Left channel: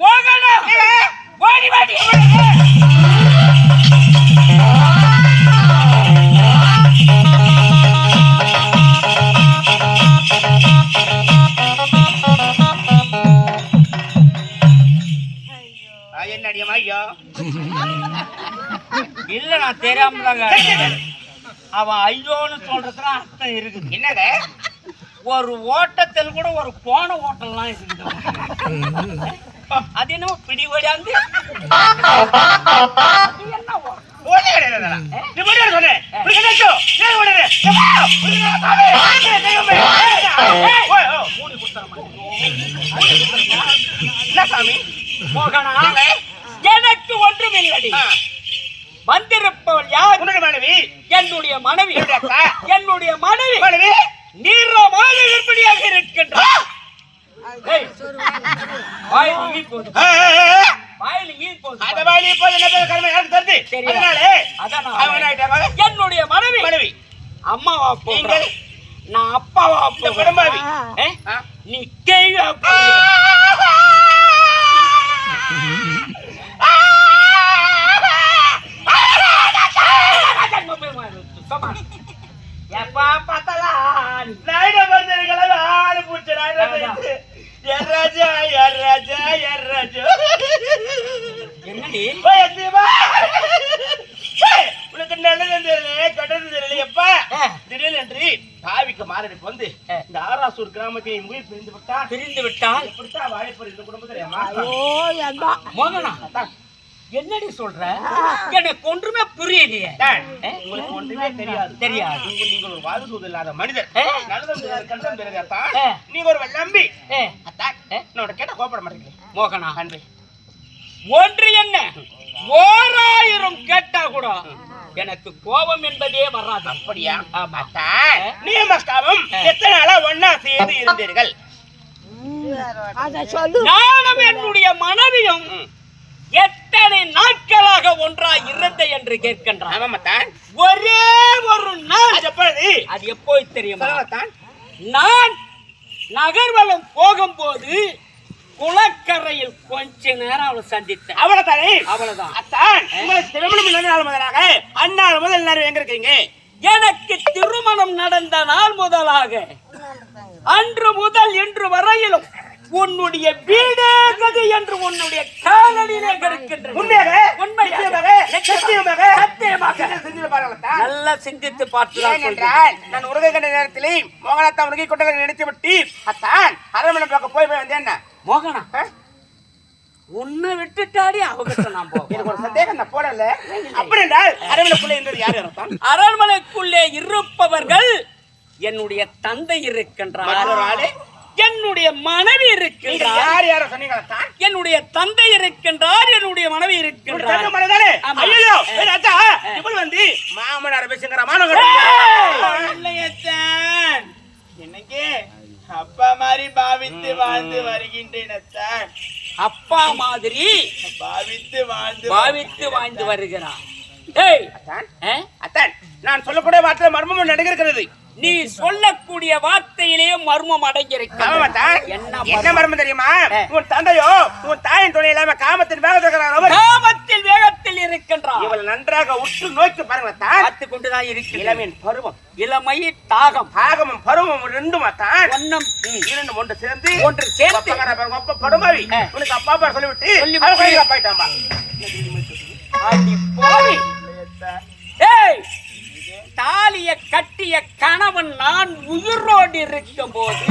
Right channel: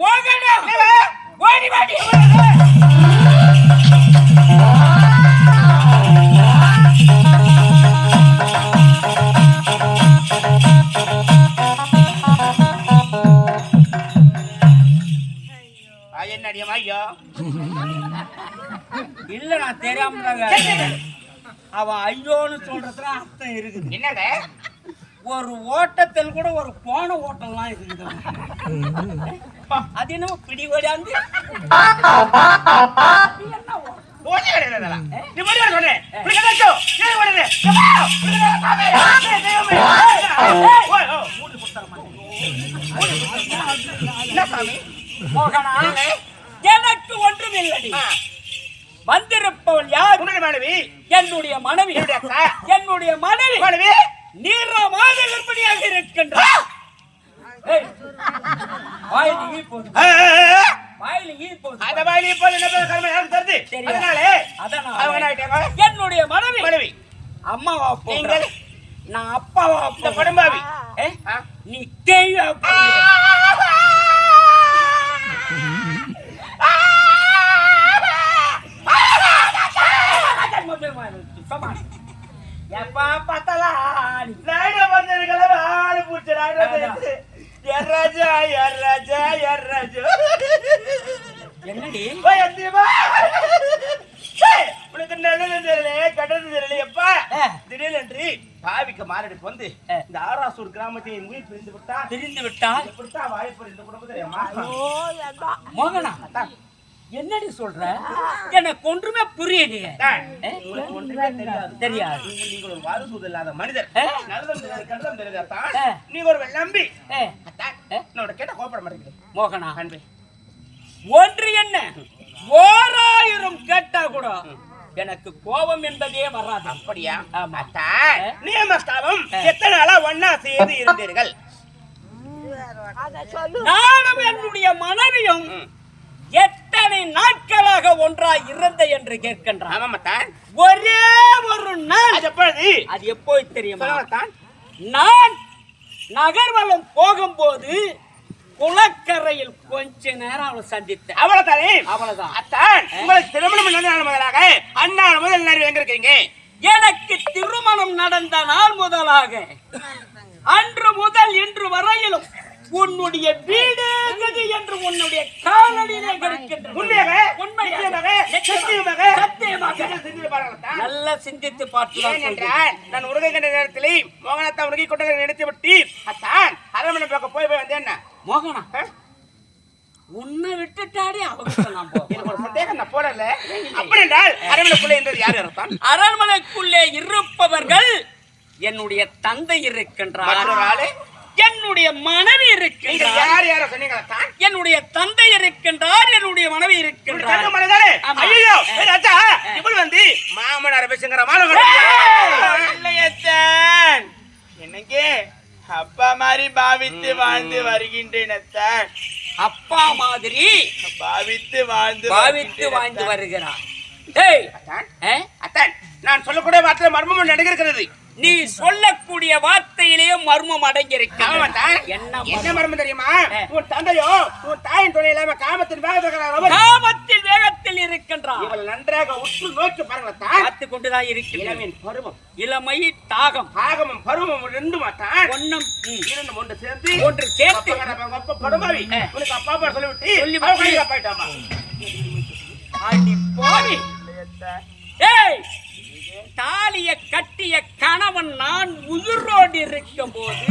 மோகனா ஓடி வாடி. என்னடியம்மா ஐயோ இல்ல நான் தெரியாம தாங்க. அவன் ஐயோன்னு சொல்றதுல அர்த்தம் இருக்குது. என்னங்க ஒரு ஓட்டத்தில் கூட ஒரு போன ஓட்டம்லாம் இருக்குது. அது என்ன பிடி ஓடியாந்து என்ன எனக்கு ஒன்றும் இல்லடி. வந்திருப்பவள் யார்? மனைவி. என்னுடைய மனைவி. என்னுடைய மனைவி நீரமாக விற்பனையாக இருக்கின்றார். என்னுடைய மனைவி அம்மாவா போங்க, நான் அப்பாவா படம்பாவி. நீ கேள்வி எப்பா பார்த்தாலும் ஆடு பூச்சி என்னடி உனக்கு நல்லது தெரியல கட்டது தெரியலையப்பா. திடீரென்று பாவிக்க மாரடி வந்து இந்த ஆராசூர் கிராமத்தை உயிர் பிரிந்து விட்டால் எப்படித்தான் வாய்ப்பு இந்த குடும்பத்திலேயம்மா. மோகனா என்னடி சொல்ற? எனக்கு ஒன்றுமே புரியலையே. உங்களுக்கு ஒன்றுமே தெரியாது. நீங்கள் ஒரு வாரிசு இல்லாத மனிதர். நல்லதும் தெரியாதான் நீங்க ஒரு நம்பி என்னோட கேட்ட கோபப்பட மாட்டேங்கிறீங்க. மோகனா அன்பே ஒன்று என்ன 1000 கேட்டா கூட எனக்கு கோபம் என்பதே வராது. அப்படியா? நீமஸ்காரம் எத்தனை நாளா ஒன்னா சேர்ந்து இருந்தீர்கள்? நானும் என்னுடைய மனைவியும் எத்தனை நாட்களாக ஒன்றாய் இருந்த என்று கேட்கின்றான். ஒரே ஒரு நாள். அது எப்போது தெரியுமா? நான் நகர்வலம் போகும்போது குளக்கரையில் கொஞ்ச நேரம் அவளை சந்தித்தேன். அவ்வளவுதான். உங்களுக்கு திருமணம் நடந்த நாள் முதலாக அந்நாள் முதல் நேரம் எங்க இருக்கீங்க? எனக்கு திருமணம் நடந்த நாள் முதலாக அன்று முதல் இன்று வரையிலும் உன்னுடைய வீடு கதி என்று உன்னுடைய காலடியிலே நல்லா சிந்தித்து பார்த்தேன். நான் உருகை கண்ட நேரத்திலே மோகனத்தான் உருகை கொண்டதை நினைத்து விட்டு அத்தான் அரண்மனை பக்கம் போய் வந்தேன். மோகனா உன்னை விட்டுட்டாடி அவங்க நான் போ. எனக்கு ஒரு சந்தேகம் நான் போடல. அப்படி என்றால் அரண்மனைக்குள்ளே இருந்தது யார் இருப்பான்? அரண்மனைக்குள்ளே இருப்பவர்கள் என்னுடைய தந்தை இருக்கின்றார், என்னுடைய மனைவி இருக்கின்றார். யார் யார சொன்னீங்க? என்னுடைய தந்தை இருக்கின்றார், என்னுடைய மனைவி இருக்கின்றார். ஐயோ ராஜா இப்படி வந்து மாமனார் பேசுங்கிற என்னைக்கு அப்பா மாதிரி பாவித்து வாழ்ந்து வருகின்றேன். அப்பா மாதிரி பாவித்து வாழ்ந்து வருகிறார். நான் சொல்லக்கூடிய வார்த்தை மர்மம் நடக்கிறது. நீ சொல்லக்கூடிய வார்த்தையிலேயே மர்மம் அடங்கியிருக்கிறது. என்ன மர்மம் தெரியுமா? உன் தந்தையோ உன் தாயின் துணை இல்லாம காமத்தின் வேகத்தில் இருக்கின்றார். இவள் நன்றாக உற்று நோக்கி பாருங்க. பார்த்து கொண்டுதான் இருக்கு. இளமையின் பருவம், இளமை தாகம், ஆகமும் பருவம் ரெண்டும் ஒன்னும் இரண்டும் ஒன்று சேர்ந்து படுமாவி உனக்கு அப்பா அப்பா சொல்லிவிட்டு அப்பாயிட்டாமா. தாலிய கட்டிய கணவன் நான் உயிரோடு இருக்கும் போது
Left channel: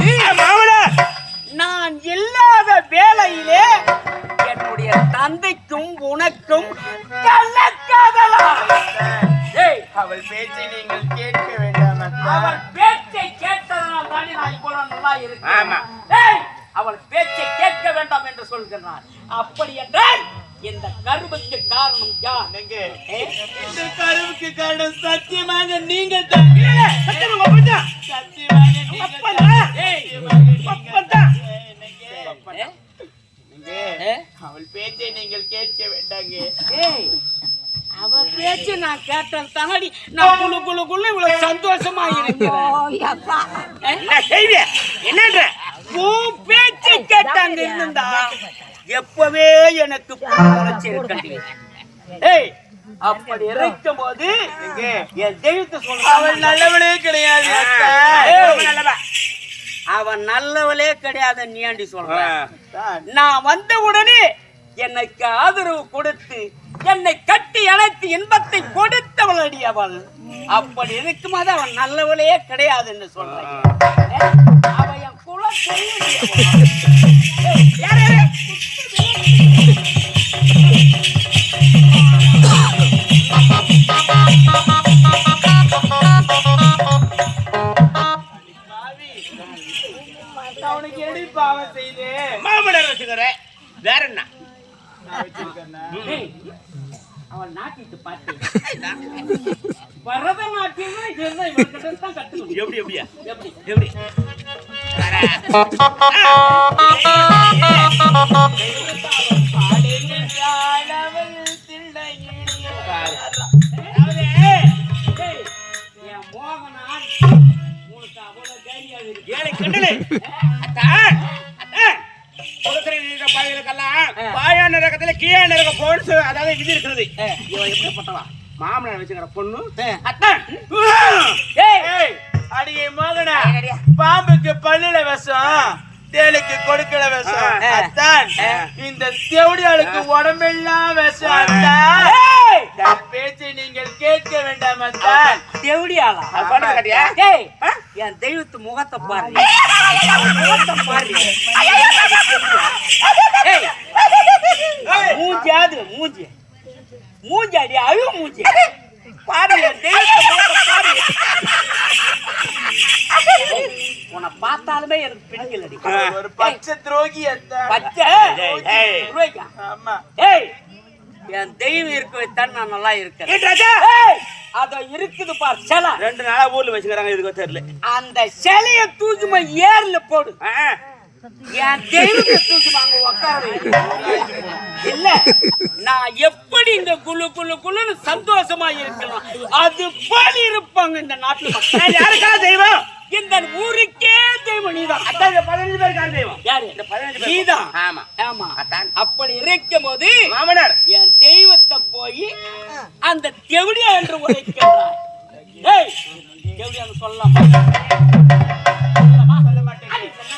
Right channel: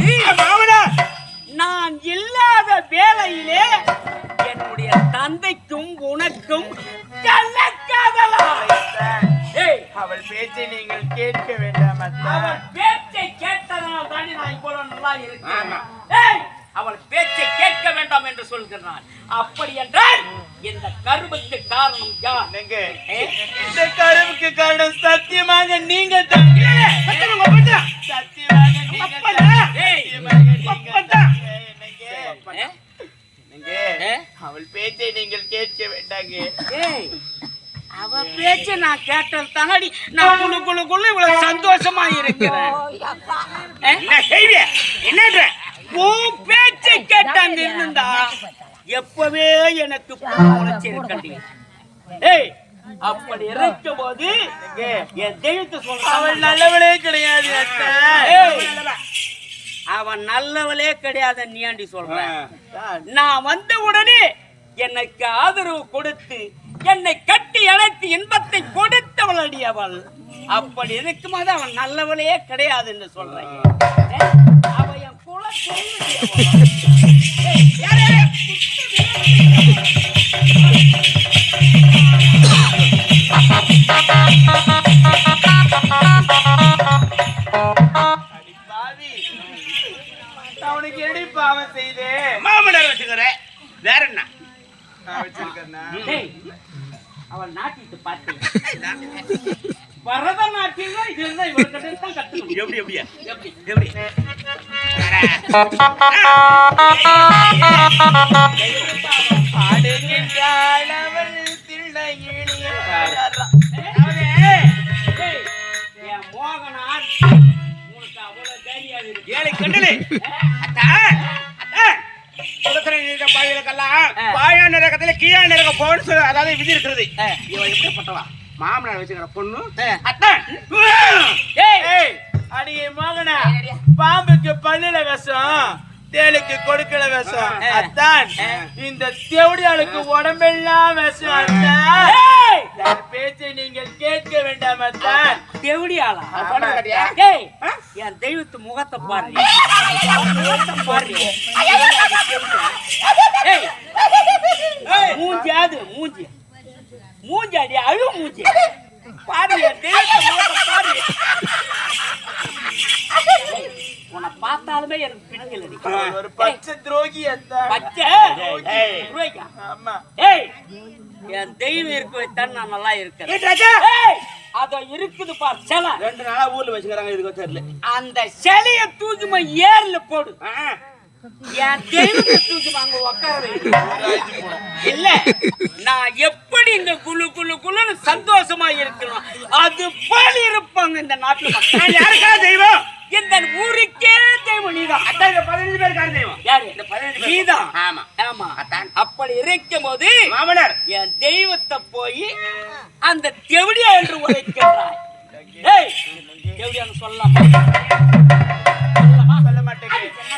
நான் இல்லாத வேளையிலே என்னுடைய தந்தைக்கும் உனக்கும் கள்ளக்காதலா? அவள் பேச்சை நீங்கள் கேட்க வேண்டாம். அவள் பேச்சை கேட்டதனால் தாண்டி நான் இவ்வளவு நல்லா இருக்கேன். அவள் பேச்சை கேட்க வேண்டாம் என்று சொல்கிறான். அப்படி என்றால் இந்த கருவுக்கு காரணம் யார்? இந்த கருவுக்கு காரணம் சத்தியமாக நீங்கள் அவள் பேச்சை நீங்கள் கேட்க வேண்டாங்க. அவ பேச்ச நான் கேட்டது தானடி நான் குழுக்குள்ள இவ்வளவு சந்தோஷமா இருக்கிறேன். என்னன்ற உன் பேச்சை கேட்டு அங்க இருந்தா எப்பவே எனக்கு முளைச்சிருக்கண்டி. ஏய், அப்படி இருக்கும் போது என் தெய்வத்தை சொல்ற அவன் நல்லவனே கிடையாது அத்தை. அவன் நல்லவளே கிடையாது. நீ ஆண்டி சொல்ற? நான் வந்த உடனே எனக்கு ஆதரவு கொடுத்து என்னை கட்டி அணைத்து இன்பத்தை கொடுத்தவள் அடி அவள். அப்படி இருக்கும்போது அவன் நல்லவளே கிடையாதுன்னு சொல்றேன். அவன் என் குல அவனுக்கு எடி பாவம் செய்து மாமனார் வச்சுக்கிறேன். வேற என்ன நான் வச்சிருக்கேன்னா அவள் நாட்டிட்டு பார்த்தேன். பரதநாட்டியம் இதுதான் இவர்கிட்ட தான் கத்துக்கணும். எப்படி எப்படியா எப்படி எப்படி என் மோகனான் உனக்கு அவ்வளவு தைரியம் இருக்கு. ஏழை கண்டலே அத்தான் அத்தான் குலத்திரை நீங்க பாய்களுக்கெல்லாம் பாயா நரகத்துல கீழா நரக போன்னு சொல்லி அதாவது விதி இருக்கிறது. இவன் எப்படிப்பட்டவா மாமனார் வச்சுக்கிற பொண்ணு அத்தான். ஏய் அடியே மோகனா, பாம்புக்கு பல்லுல விஷம், தேளுக்கு கொடுக்கல விஷம். அத்தான் இந்த தேவடியாளுக்கு உடம்பெல்லாம் விஷம். அத்தான் என் பேச்சை நீங்கள் கேட்க வேண்டாம் அத்தான். தேவடியாளா? ஏய், என் தெய்வத்து முகத்தை பாரு, முகத்தை பாரு. மூஞ்சி அது மூஞ்சி மூஞ்சி அடி அழு மூஞ்சி பாரு. என் தெய்வத்து முகத்தை பாரு. உன்னை பார்த்தாலுமே எனக்கு பிடிக்கலடி. ஒரு பச்சை துரோகி அத்தான். பச்சை துரோகியா? ஆமா. ஏய், என் தெய்வம் இருக்க வைத்தான் நான் நல்லா இருக்கேன். அத இருக்குது பார் சிலை. 2 நாளா ஊர்ல வச்சுக்கிறாங்க. இதுக்கு தெரியல. அந்த சிலைய தூக்குமா ஏர்ல போடு. என் தெய்வத்தை தூக்குமா அங்க உட்கார வை. இல்ல, நான் எப்படி இங்க குளு குளு குளுன்னு சந்தோஷமா இருக்கணும் அது போல இருப்பாங்க இந்த நாட்டுல மக்கள். யாருக்கா தெய்வம்? இந்த ஊருக்கே தெய்வம் நீதான். அத்தான் இந்த 15 பேருக்கான தெய்வம் யாரு? இந்த 15 பேர் நீதான். ஆமா ஆமா. அத்தான் அப்படி இருக்கும் போது மாமனார் என் தெய்வத்தை போய் அந்த தெவடியா என்று உரைக்கிறாய். ஏய், தெவடியான்னு சொல்லலாமா? சொல்ல மாட்டேன். என்ன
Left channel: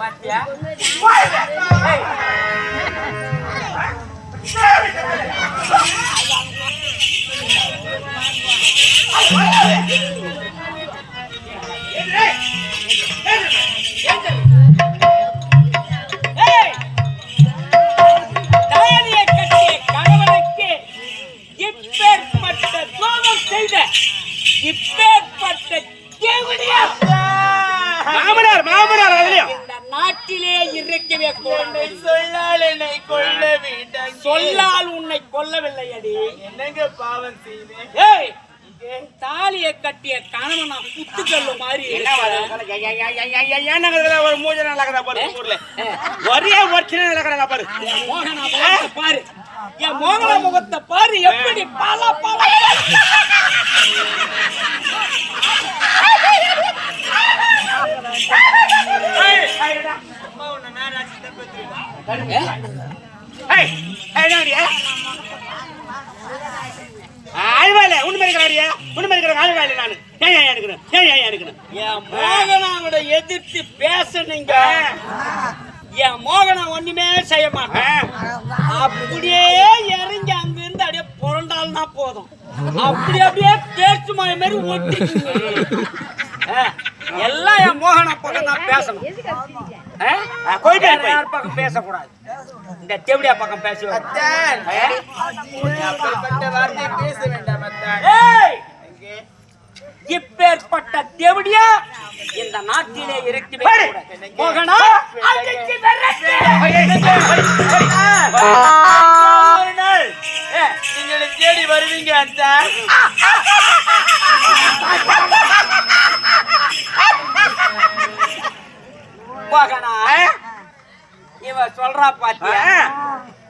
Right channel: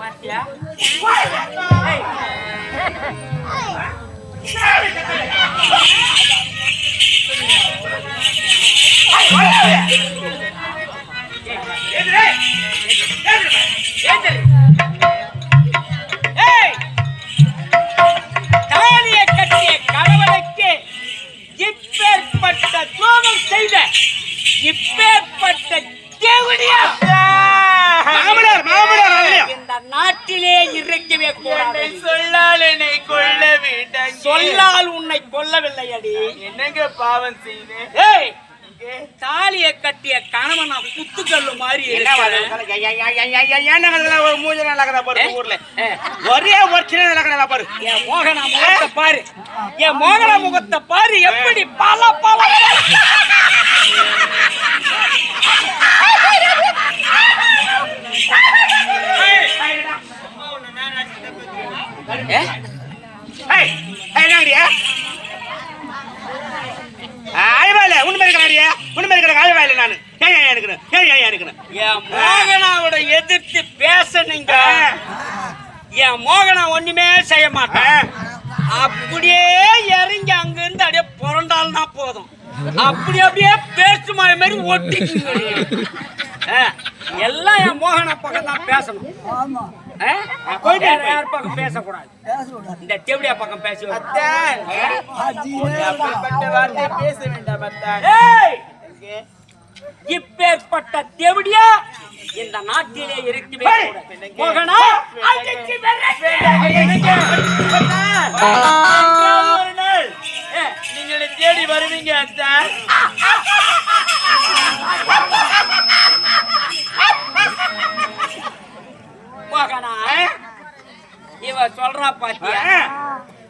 பாத்தியா தாலியை கட்டிய கணவனுக்கு இப்பேற்பட்ட துரோகம் செய்த இப்பேற்பட்ட தேவடியா மாமனார் இந்த நாட்டிலே இருக்கவே கூடாது. சொல்லால் என்னை கொல்ல வேண்டாம். சொல்லால் உன்னை கொல்லவில்லை அடி. என்னங்க பாவம் செய்தேன்? ஏய், தாலியை கட்டிய கணவன் நான் குத்துக்கல்லு மாதிரி ஒரு மூஞ்ச நடக்கிறா பாரு ஊர்ல. ஒரே பிரச்சனை நடக்கிறா பாரு. என் மோகனா முகத்தை பாரு, என் மோகனா முகத்தை பாரு, எப்படி பல பல மோகனாவோட எதிர்த்து பேசணுங்க. என் மோகனா ஒண்ணுமே செய்ய மாட்டேன். அப்படியே இறங்கி அங்க இருந்து அப்படியே புரண்டால்னா போதும். அப்படியே பேச்சு மாதிரி ஒட்டிக்குங்க. எல்லாம் என் மோகனா பக்கம் தான் பேசணும். யார் பக்கம் பேசக்கூடாது. இந்த தெவடியா பக்கம் பேச இப்பேற்பட்ட தெவடியா இந்த நாட்டிலே இருக்கவே கூடாது. மோகனா நீங்க தேடி வருவீங்க அத்தான். மோகனா இவ சொல்றா பாத்தியா,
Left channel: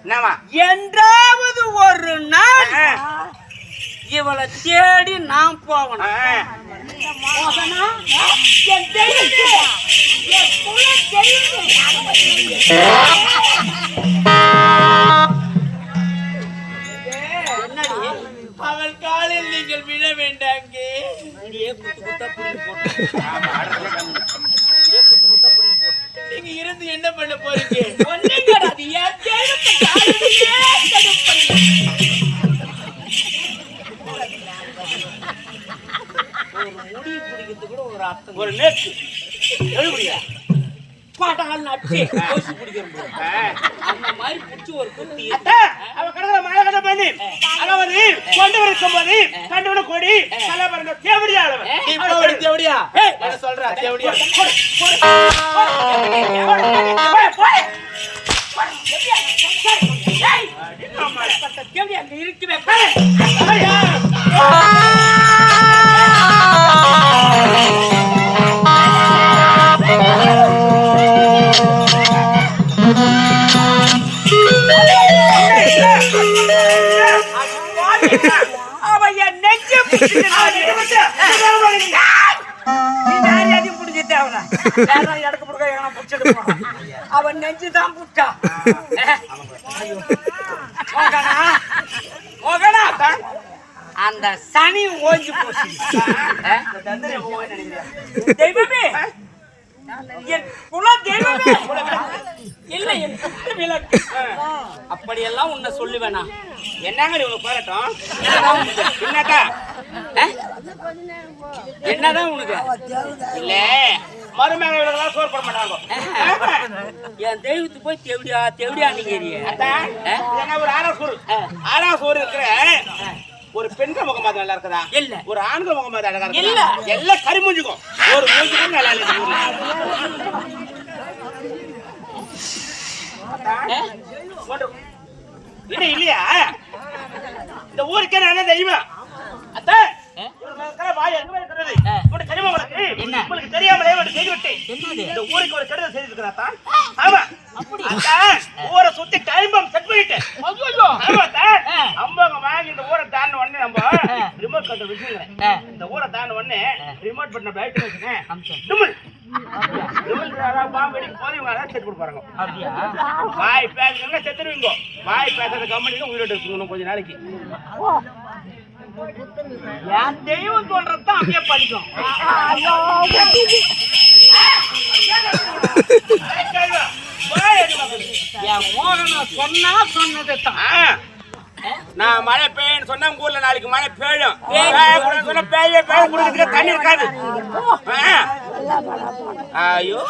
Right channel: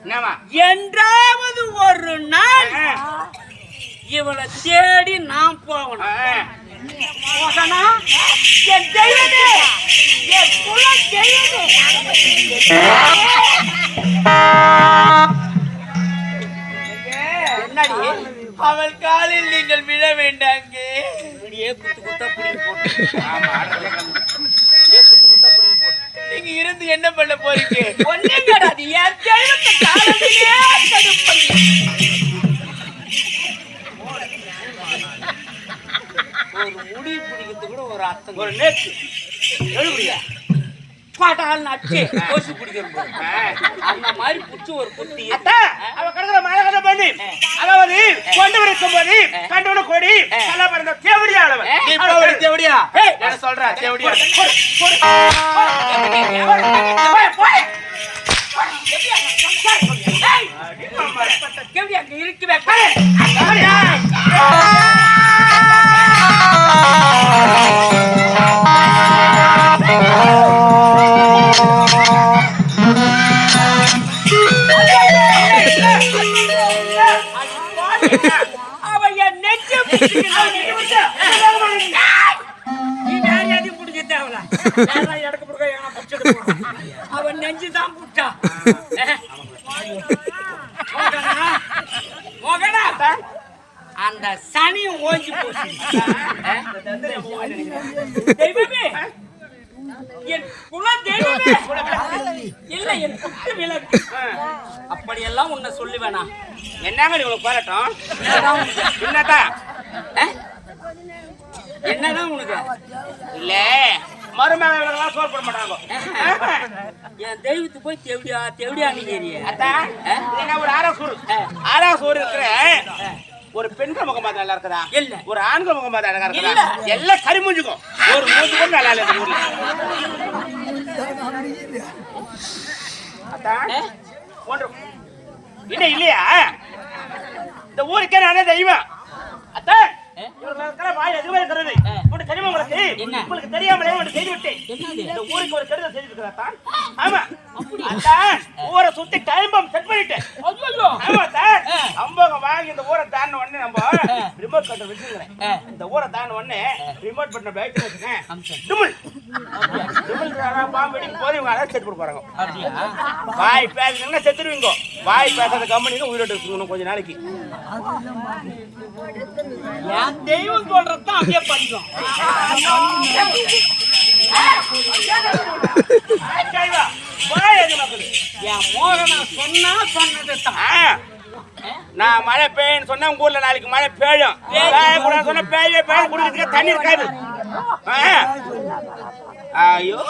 என்னமா என்றாவது ஒரு நாள் இவளை தேடி நாம் போகணும். மோகனா என் தெய்வமே, என் குல தெய்வமே. என்னடி அவள் காலில் நீங்கள் விழ வேண்டாங்க. குத்து குத்தா புடிங்க போட்டு நீங்க இருந்து என்ன பண்ண போறீங்க? ஒண்ணுங்கடா, அது என் தெய்வத்தை காலிலே தடுப்பீங்க. ஒரு முடி பிடிக்கிறது கூட ஒரு அர்த்தம். ஒரு நேற்று எழுபடியா பாட்டால் நட்டு கோசி பிடிக்கிற அந்த மாதிரி பிடிச்சி ஒரு குத்தி அவ கடற்கரை மழை கதை பண்ணி அதாவது கொண்டு இருக்கும் போது கண்டோட கொடி நல்லா பாருங்க தேவடியா தேவடியா என்ன சொல்ற தேவடியா அங்க இருக்குவே. அவன் நெஞ்சுதான் புட்டா. அந்த சனி ஓஞ்சி போச்சு. தெய்வமே, என் குல தெய்வமே, இல்ல என் குத்து விளக்கு. அப்படியெல்லாம் உன்னை சொல்லுவேனா? என்னங்க இவ்வளவு பாராட்டம்? என்னதான் என்னதான் உனக்கு இல்ல மருமகன் இவங்களெல்லாம் சோறு போட மாட்டாங்க. என் தெய்வத்து போய் தெவடியா தெவடியா நீங்க என்ன ஒரு ஆறா சோறு இருக்கிற ஒரு பெண்கள் முகம் மாதிரி நல்லா இருக்குதா? இல்ல. ஒரு ஆண்கள் முகம் மாதிரி அழகா இல்ல. இருக்குதா? எல்லாம் கறி மூஞ்சுக்கும். ஒரு மூஞ்சி கூட நல்லா இல்ல இந்த ஊர்ல. அதான் ஒன்று இல்லை இல்லையா? இந்த ஊருக்கே நானே தெய்வம். அத்தான் வாய் எதுவுமே இருக்கிறது தெரியுமா உங்களுக்கு? உங்களுக்கு தெரியாமலே செய்து விட்டேன். இந்த ஊருக்கு ஒரு கெடுதல் செய்திருக்கிறா? ஆமா, ஊரை சுத்தி டைம்பம் செட் பண்ணிட்டேன். அம்பகம் வாங்கி இந்த ஊரை தாண்ட உடனே நம்ம ரிமோட் கண்ட்ரோல் வச்சுக்கிறேன். இந்த ஊரை தாண்ட உடனே ரிமோட் பட்டனை லைட் வச்சுக்கிறேன். பாம்பு அடிக்கும் போது இவங்க அதான் செட் கொடுப்பாங்க. வாய் பேசுங்கன்னா செத்துருவீங்க. வாய் பேசாத கம்பெனிங்க உயிரோட்டு வச்சுக்கணும் கொஞ்ச நாளைக்கு. என் தெய்வம் சொல்றதான் அப்படியே படிக்கும். என் மோகனா சொன்னா சொன்னது தான். நான் மழை பெய்யுன்னு சொன்னா உங்க ஊர்ல நாளைக்கு மழை பெய்யும். பெய்யக்கூடாது சொன்னா பெய்ய குடிக்கிறதுக்கு தண்ணி இருக்காது. ஐயோ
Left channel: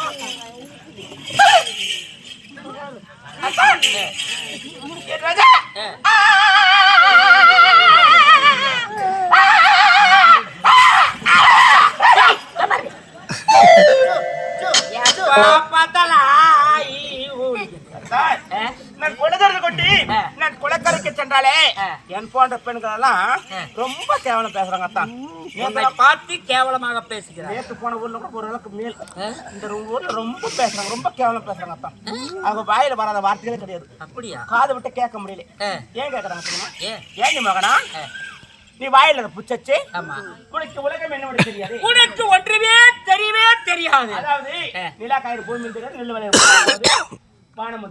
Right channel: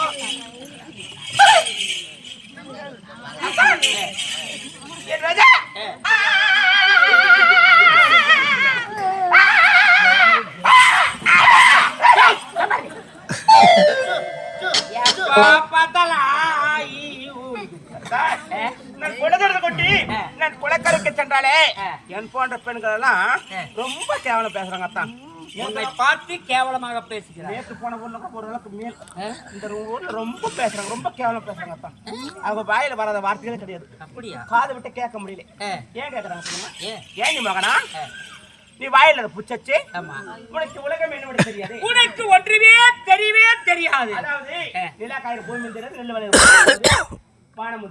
ராஜா நான் குலதரத்தை கொட்டி நான் குலக்கரைக்கு சென்றாலே என் போன்ற பெண்கள் எல்லாம் ரொம்ப கேவலம் பேசுறாங்க தான். பார்த்து கேவலமாக பேசுகிறேன். நேற்று போன ஊர்ல கூட ஒரு அளவுக்கு மேல் இந்த ஊர்ல ரொம்ப பேசுறாங்க, ரொம்ப கேவலம் பேசுறாங்க தான். அவங்க வாயில வராத வார்த்தைகளே கிடையாது. அப்படியா? காதை விட்டு கேட்க முடியல. ஏன் கேக்குறாங்க தெரியுமா? ஏன் நீ மகனா நீ வாயில புச்சச்சு? உனக்கு உலகம் என்ன தெரியாது, உனக்கு ஒன்றுமே தெரியவே தெரியாது. அதாவது நிலா காயிறு பூமி தெரியாது, நெல் விளைய வானம்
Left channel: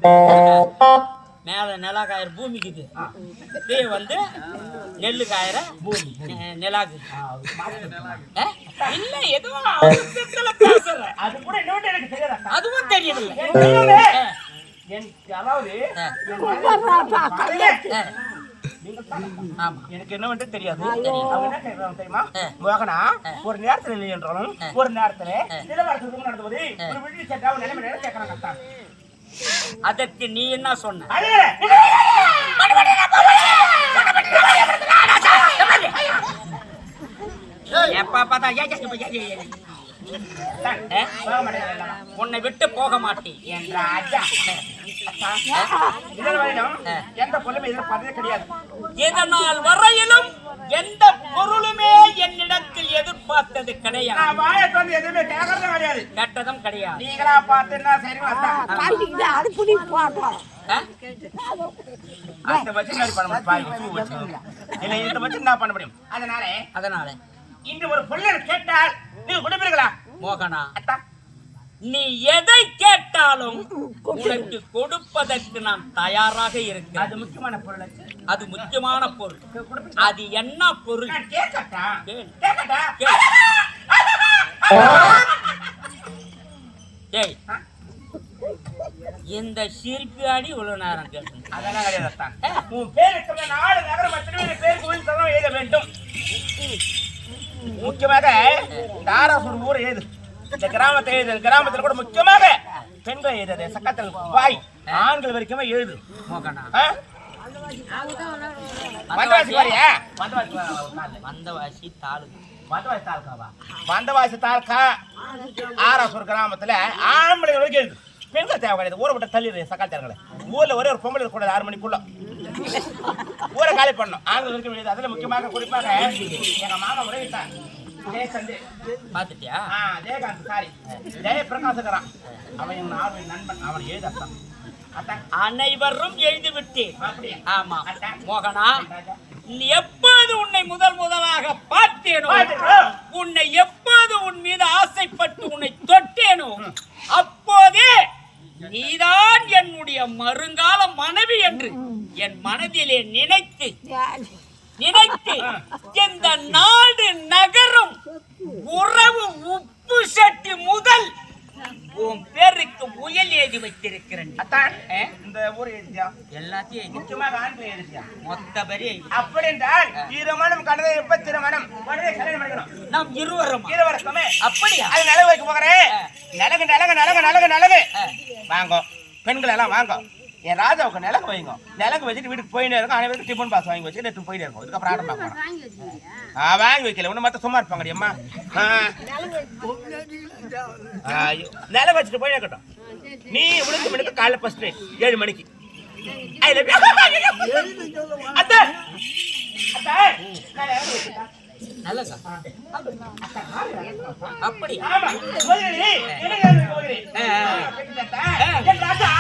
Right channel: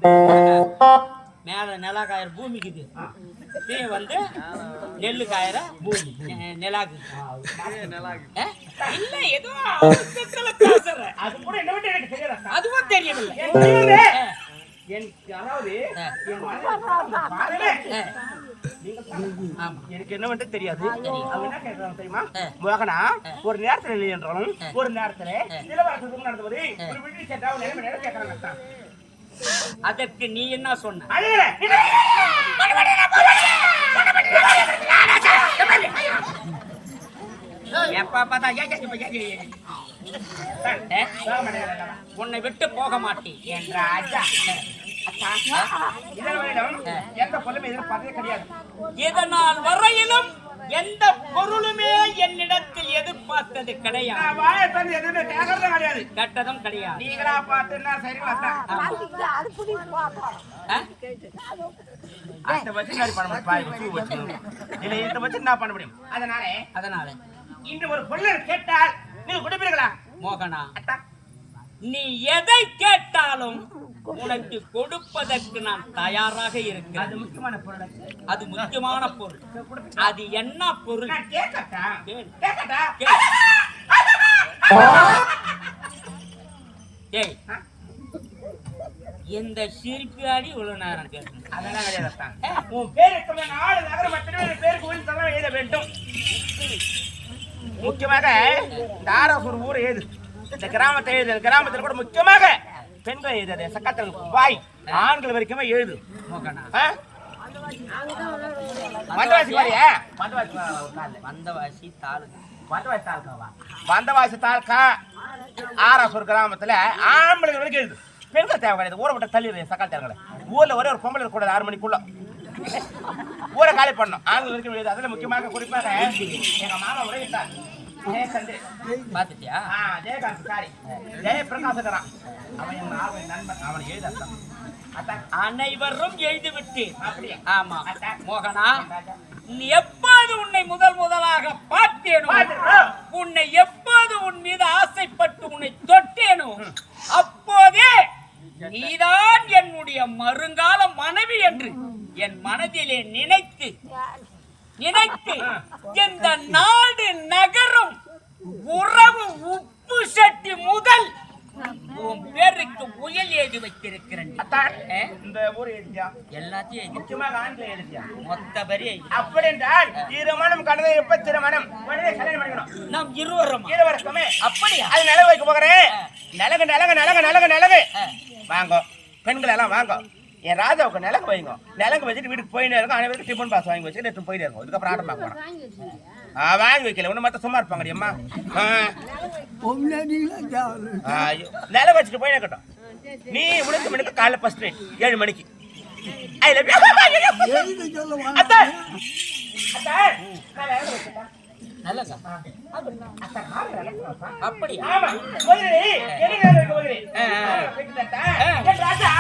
மேல நிலா காயிற பூமிக்குது, வந்து நெல்லு காயிற பூமி நிலாக்கு இல்ல ஏதோ பேசுற. அது கூட என்ன எனக்கு தெரியாது, அதுவும் தெரியவில்லை. அதாவது எனக்கு என்ன வந்து தெரியாது. அவங்க என்ன கேட்கறாங்க தெரியுமா? மோகனா ஒரு நேரத்துல இல்லை என்றாலும் ஒரு நேரத்துல நிலவரத்துக்கு நடந்தது ஒரு விடுதி சட்டா நிலைமை நேரம் கேட்கறாங்க. அதற்கு நீ என்ன சொன்ன? எப்ப பார்த்தா உன்னை விட்டு போக மாட்டேன் என்ற ராஜா. எந்த பொருளுமே எதிர்பார்த்ததே கிடையாது. இதனால் வரையிலும் எந்த பொருளுமே என்னிடத்தில் எதிர்பார்த்தது கிடையாது. எதுவுமே கேட்கறதும் கிடையாது, கெட்டதும் கிடையாது. நீங்களா பார்த்து அந்த வச்சு பண்ண முடியும் பாருங்க, பூ வச்சு இல்ல இந்த வச்சு என்ன பண்ண முடியும். அதனால இன்று ஒரு பொருள் கேட்டால் நீங்க கொடுப்பீர்களா? மோகனா நீ எதை கேட்டாலும் உனக்கு கொடுப்பதற்கு நான் தயாராக இருக்கிறேன். அது முக்கியமான பொருள், அது முக்கியமான பொருள். அது என்ன பொருள்? இந்த சிரிப்பியாடி இவ்வளவு நேரம் கேட்டு அதெல்லாம் கிடையாது. உன் பேருக்கு 4 நகரம் பேர் கோயில் தரம் எழுத வேண்டும். முக்கியமாக தாராசூர் ஊர் ஏது, இந்த கிராமத்தை எழுது. கிராமத்தில் கூட முக்கியமாக பெண்கள் எழுது, சக்கத்தில் பாய் ஆண்கள் வரைக்குமே எழுது. வந்தவாசி தாலுகா ஆராசூர் கிராமத்துல ஆம்பளை வரைக்கும் எழுது, பெண்கள் தேவை கிடையாது. ஊரை விட்ட தள்ளி சக்கால் தேர்களை ஊர்ல ஒரே ஒரு பொம்பளை இருக்கக்கூடாது 6 மணிக்குள்ள ஊரை காலி பண்ணணும். ஆண்கள் வரைக்கும் எழுது. அதுல முக்கியமாக குறிப்பாக எங்க மாமா உறவிட்டார் பாத்துட்டியா? ஜெயகாந்த் சாரி ஜெயபிரகாசகரான், அவன் என் ஆர்வம் நண்பன். அவன் எழுத அனைவரும் எழுதிவிட்டேன். அப்படியா? ஆமா மோகனா, எப்போது உன்னை முதலாக பார்த்தேனோ, உன்னை எப்போது உன் மீது ஆசைப்பட்டு உன்னை தொட்டேனோ, அப்போதே நீதான் என்னுடைய வருங்கால மனைவி என்று என் மனதிலே நினைத்து இந்த நாடு நகரும் உறவு உப்பு சட்டி முதல் உன் பேருக்கு முயல் எழுதி வைத்திருக்கிறேன். இந்த ஊர் எழுதியா? எல்லாத்தையும் முக்கியமாக ஆண்களை எழுதியா? மொத்த பெரிய அப்படி என்றால் திருமணம் கலந்து எப்ப திருமணம் உடனே கல்யாணம் பண்ணிக்கணும். நாம் இருவருமே அப்படியா? அது நிலவு வைக்க போகிறேன். நிலகு நிலகு நிலகு நிலகு நிலகு வாங்க, பெண்கள் எல்லாம் வாங்க. என் ராஜாவுக்கு நிலங்கு வைங்க. நிலங்கு வச்சுட்டு வீட்டுக்கு போயிட்டே இருக்கும். அனைவருக்கும் டிஃபன் பாஸ் வாங்கி வச்சு நேற்று போயிட்டே இருக்கும். இதுக்கப்புறம் ஆட்டம் பார்க்க போறேன். வாங்கி வைக்கல ஒண்ணு மட்டும் சும்மா இருப்பாங்க அம்மா. நிலங்கு வச்சுட்டு போயிட்டே இருக்கட்டும். நீ உளுந்து மணிக்கு காலைல ஃபர்ஸ்ட் ரைட் 7 மணிக்கு. ஐ லவ் யூ அத்தா அத்தா நான் நிலங்கு வச்சுட்டேன். நல்லதா? அப்படி ஆமா போகிறே என்ன போகிறே என் ராஜா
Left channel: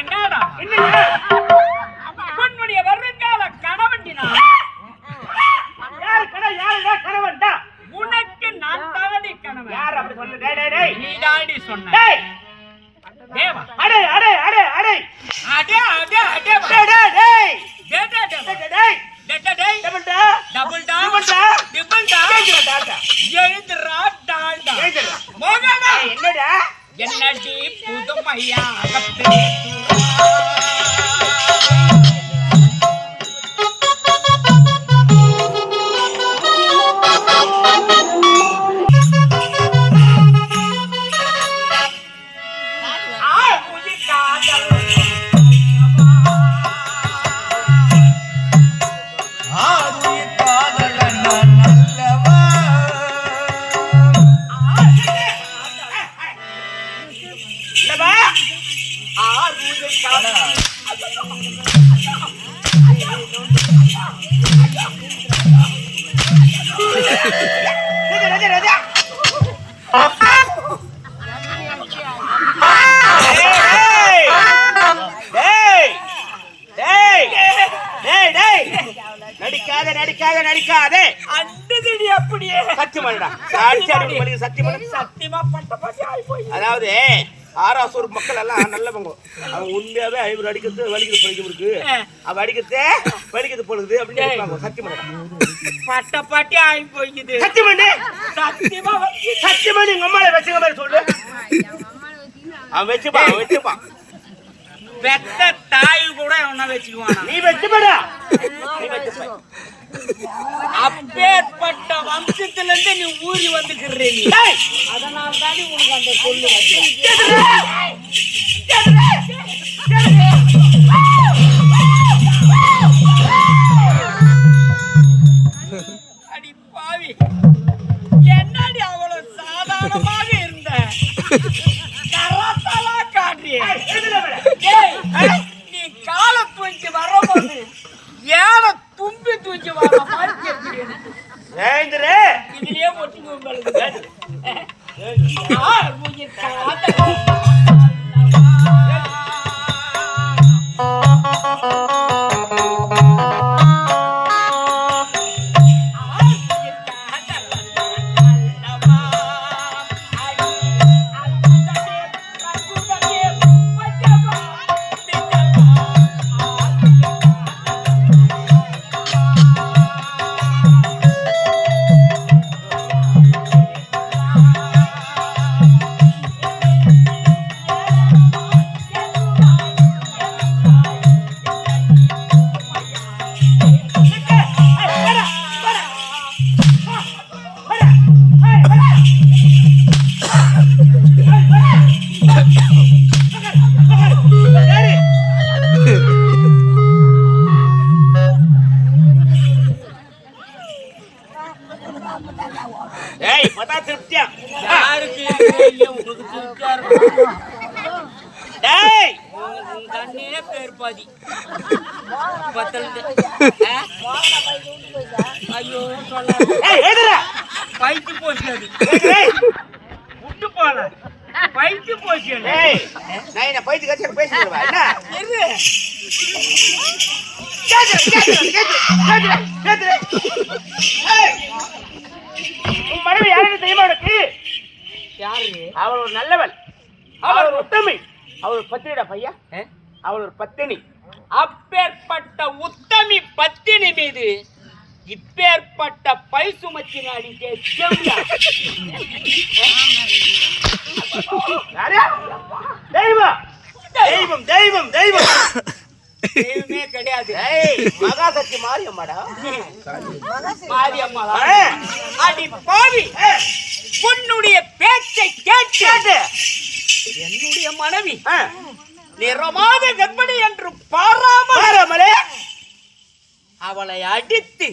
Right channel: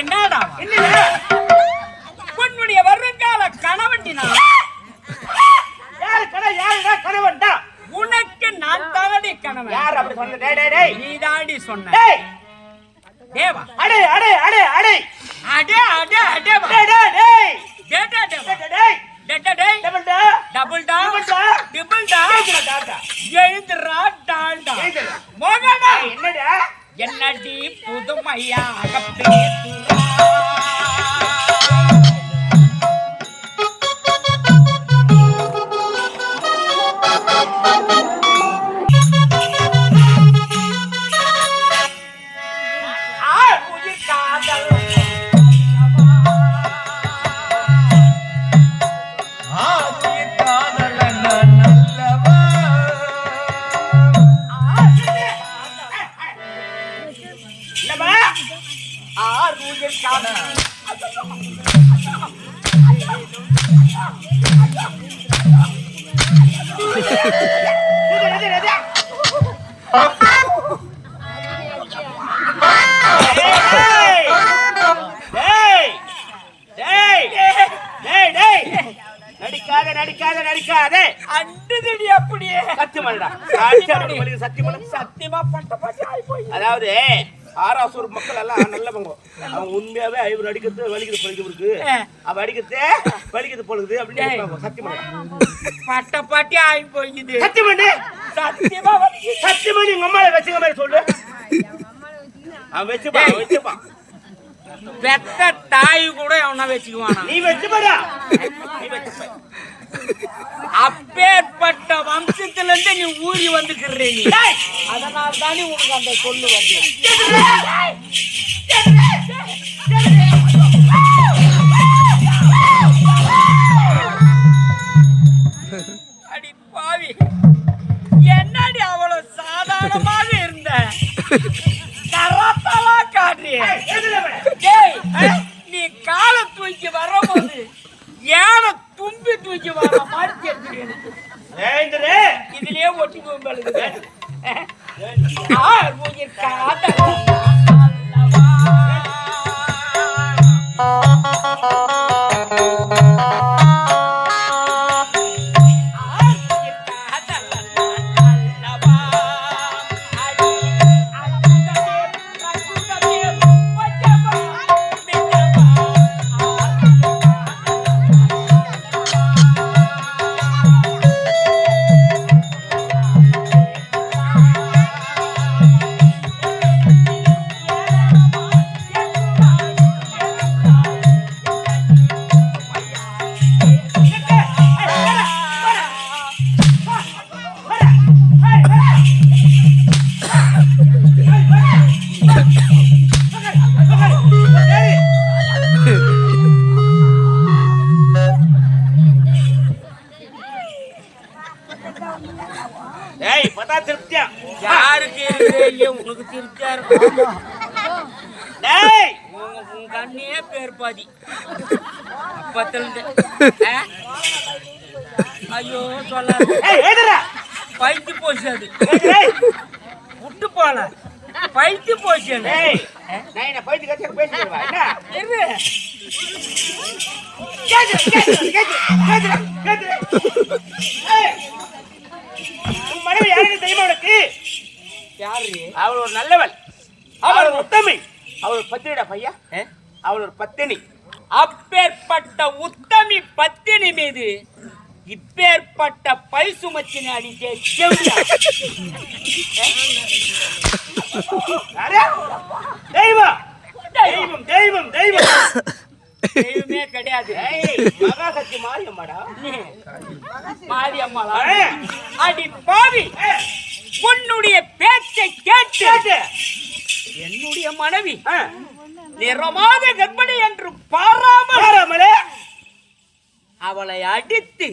என்னடா உன்னுடைய வருங்கால கணவன்டினா யாரு கணவன்டா? உனக்கு நான் தானே கணவன். யார் அப்படி சொன்ன? டேய் டேய் டேய் நீ தாண்டி சொன்ன. டேய் தேவா அடே அடே அடே அடே அடே அடே அடே டேய் டேய் டேய் டேடா டேடா டேய் டேடா டேய் டபுள் டா டபுள் டா டபுள் டா டிபிள் டா கேக்குறா டாடா எழுதுறா டால்டா கேக்குறா மோகனா என்னடா என்னடி புதுமையா பேசுறா நடிக்காதே அண்டுதடி அப்படியே சத்தியமாடா சத்தியமா பட்ட பாட்டி ஆயி போய். அதாவது ஆராசூர் மக்கள் எல்லாம் நல்லவங்க. அவங்க உண்மையாவே ஐவர் அடிக்கிறது வலிக்குது பொழிக்க இருக்கு, அவ அடிக்கிறதே வலிக்குது பொழுது அப்படின்னு நினைப்பாங்க. சத்தியமாடா பட்ட பாட்டி ஆயி போய்க்குது. சத்தியமாண்டி சத்தியமாண்டி உங்க அம்மாவை வச்சுக்க மாதிரி சொல்லு. அவன் வச்சுப்பான் பெத்த தாய் கூட அவனை வச்சுக்குவான். நீ வச்சுப்படா நீ வச்சுப்ப. அப்பேற்பட்ட வம்சத்துல இருந்து நீ ஊறி வந்துக்கிறே நீ. அதனால தானே உனக்கு அந்த சொல்லு வந்து. அடி பாவி, என்னடி அவ்வளவு சாதாரணமாக இருந்த கரத்தலா காட்டி நீ காலை தூக்கி வரும்போது ஏன தும்பி தூக்கி வர மாதிரி தெரியுது எனக்கு. இதுலயே ஒட்டிங்க உங்களுக்கு. உன் கண்ணே பேர் பாதி அப்பத்திலிருந்து ஐயோ சொல்லாத பைத்து போச்சு அது விட்டு போல பைத்து போச்சு நான் என்ன பைத்து கட்சி பேசிடுவா என்ன உன் மனைவி யாருக்கு தெரியுமா உனக்கு? யாரு? அவள் ஒரு நல்லவள், அவள் உத்தமி, அவள் பத்தினிடா பையா, அவள் ஒரு பத்தினி. அப்பேற்பட்ட உத்தமி பத்தினி மீது இப்பேற்பட்ட பை சுமச்சின அடிக்கே தெய்வம் தெய்வம் தெய்வம் தெய்வம் தெய்வமே கிடையாது. மகாசக்தி மாரியம்மாடா. மாரியம்மாளா? அடி பாவி, உன்னுடைய பேச்சை கேட்டு என்னுடைய மனைவி நிறமாத கர்ப்பிணி என்று பாராமலே அவளை அடித்து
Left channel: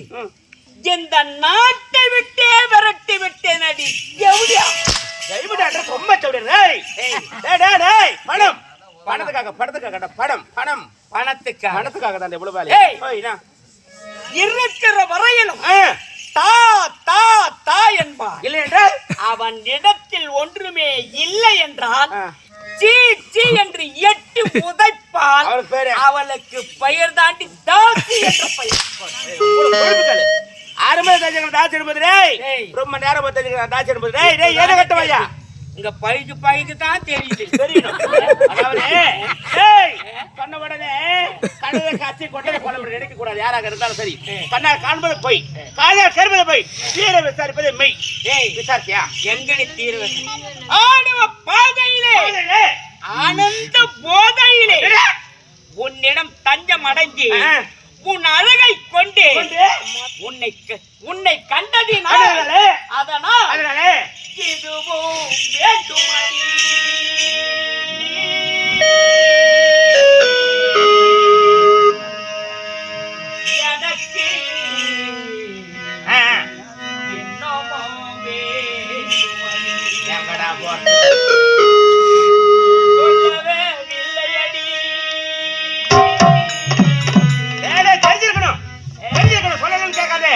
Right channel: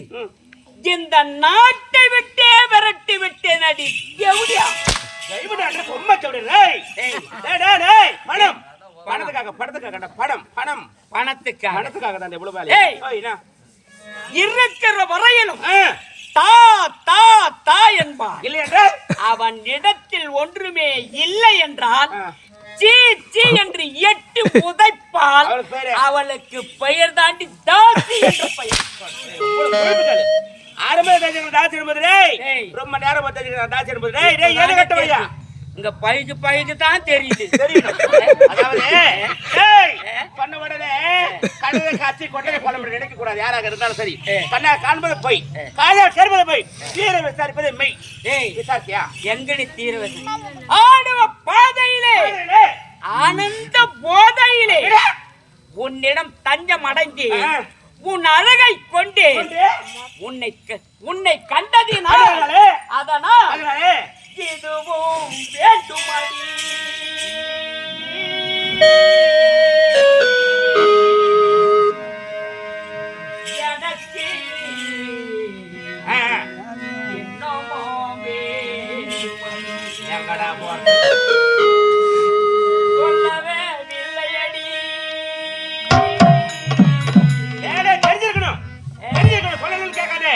இந்த நாட்டை விட்டே விரட்டி விட்டேன். அடி எவ்வளோ ரொம்ப பணம் பணத்துக்காக பணத்துக்காக பணம் பணம் பணத்துக்காக தான் இவ்வளவு வேலை. இருக்கிற வரையிலும் தா தா தா என்பான். இல்லை என்றால் அவன் இடத்தில் ஒன்றுமே இல்லை என்றால் சீ சீ என்று எட்டி உதைப்பால் அவளுக்கு பெயர் தாண்டி தாசி என்ற பெயர். ஆரம்ப தாசி என்பது ரொம்ப நேரம் தாசி என்பது ஏதோ கட்டவையா இங்க பைக்கு தான் தெரியுது. தெரியணும். அதாவது பண்ண உடனே கண்ணை காட்சி கொண்டதை கொள்ள நினைக்க கூடாது. யாராக இருந்தாலும் சரி, கண்ணா காண்பது பொய், காதால் கேட்பது பொய், தீர விசாரிப்பது மெய். விசாரிச்சியா? எங்கடி தீர ஆடுவ பாதையிலே ஆனந்த போதையிலே உன்னிடம் தஞ்சம் அடங்கி உன் அழகை கொண்டு உன்னை கண்டதினாலே அதனாலே இதுவும் வேண்டுமடி. எனக்கு என்னமோ வேண்டுமடி. சொல்லவே இல்லையடி. தெரிஞ்சிருக்கணும் சொல்லணும்னு கேட்காதே.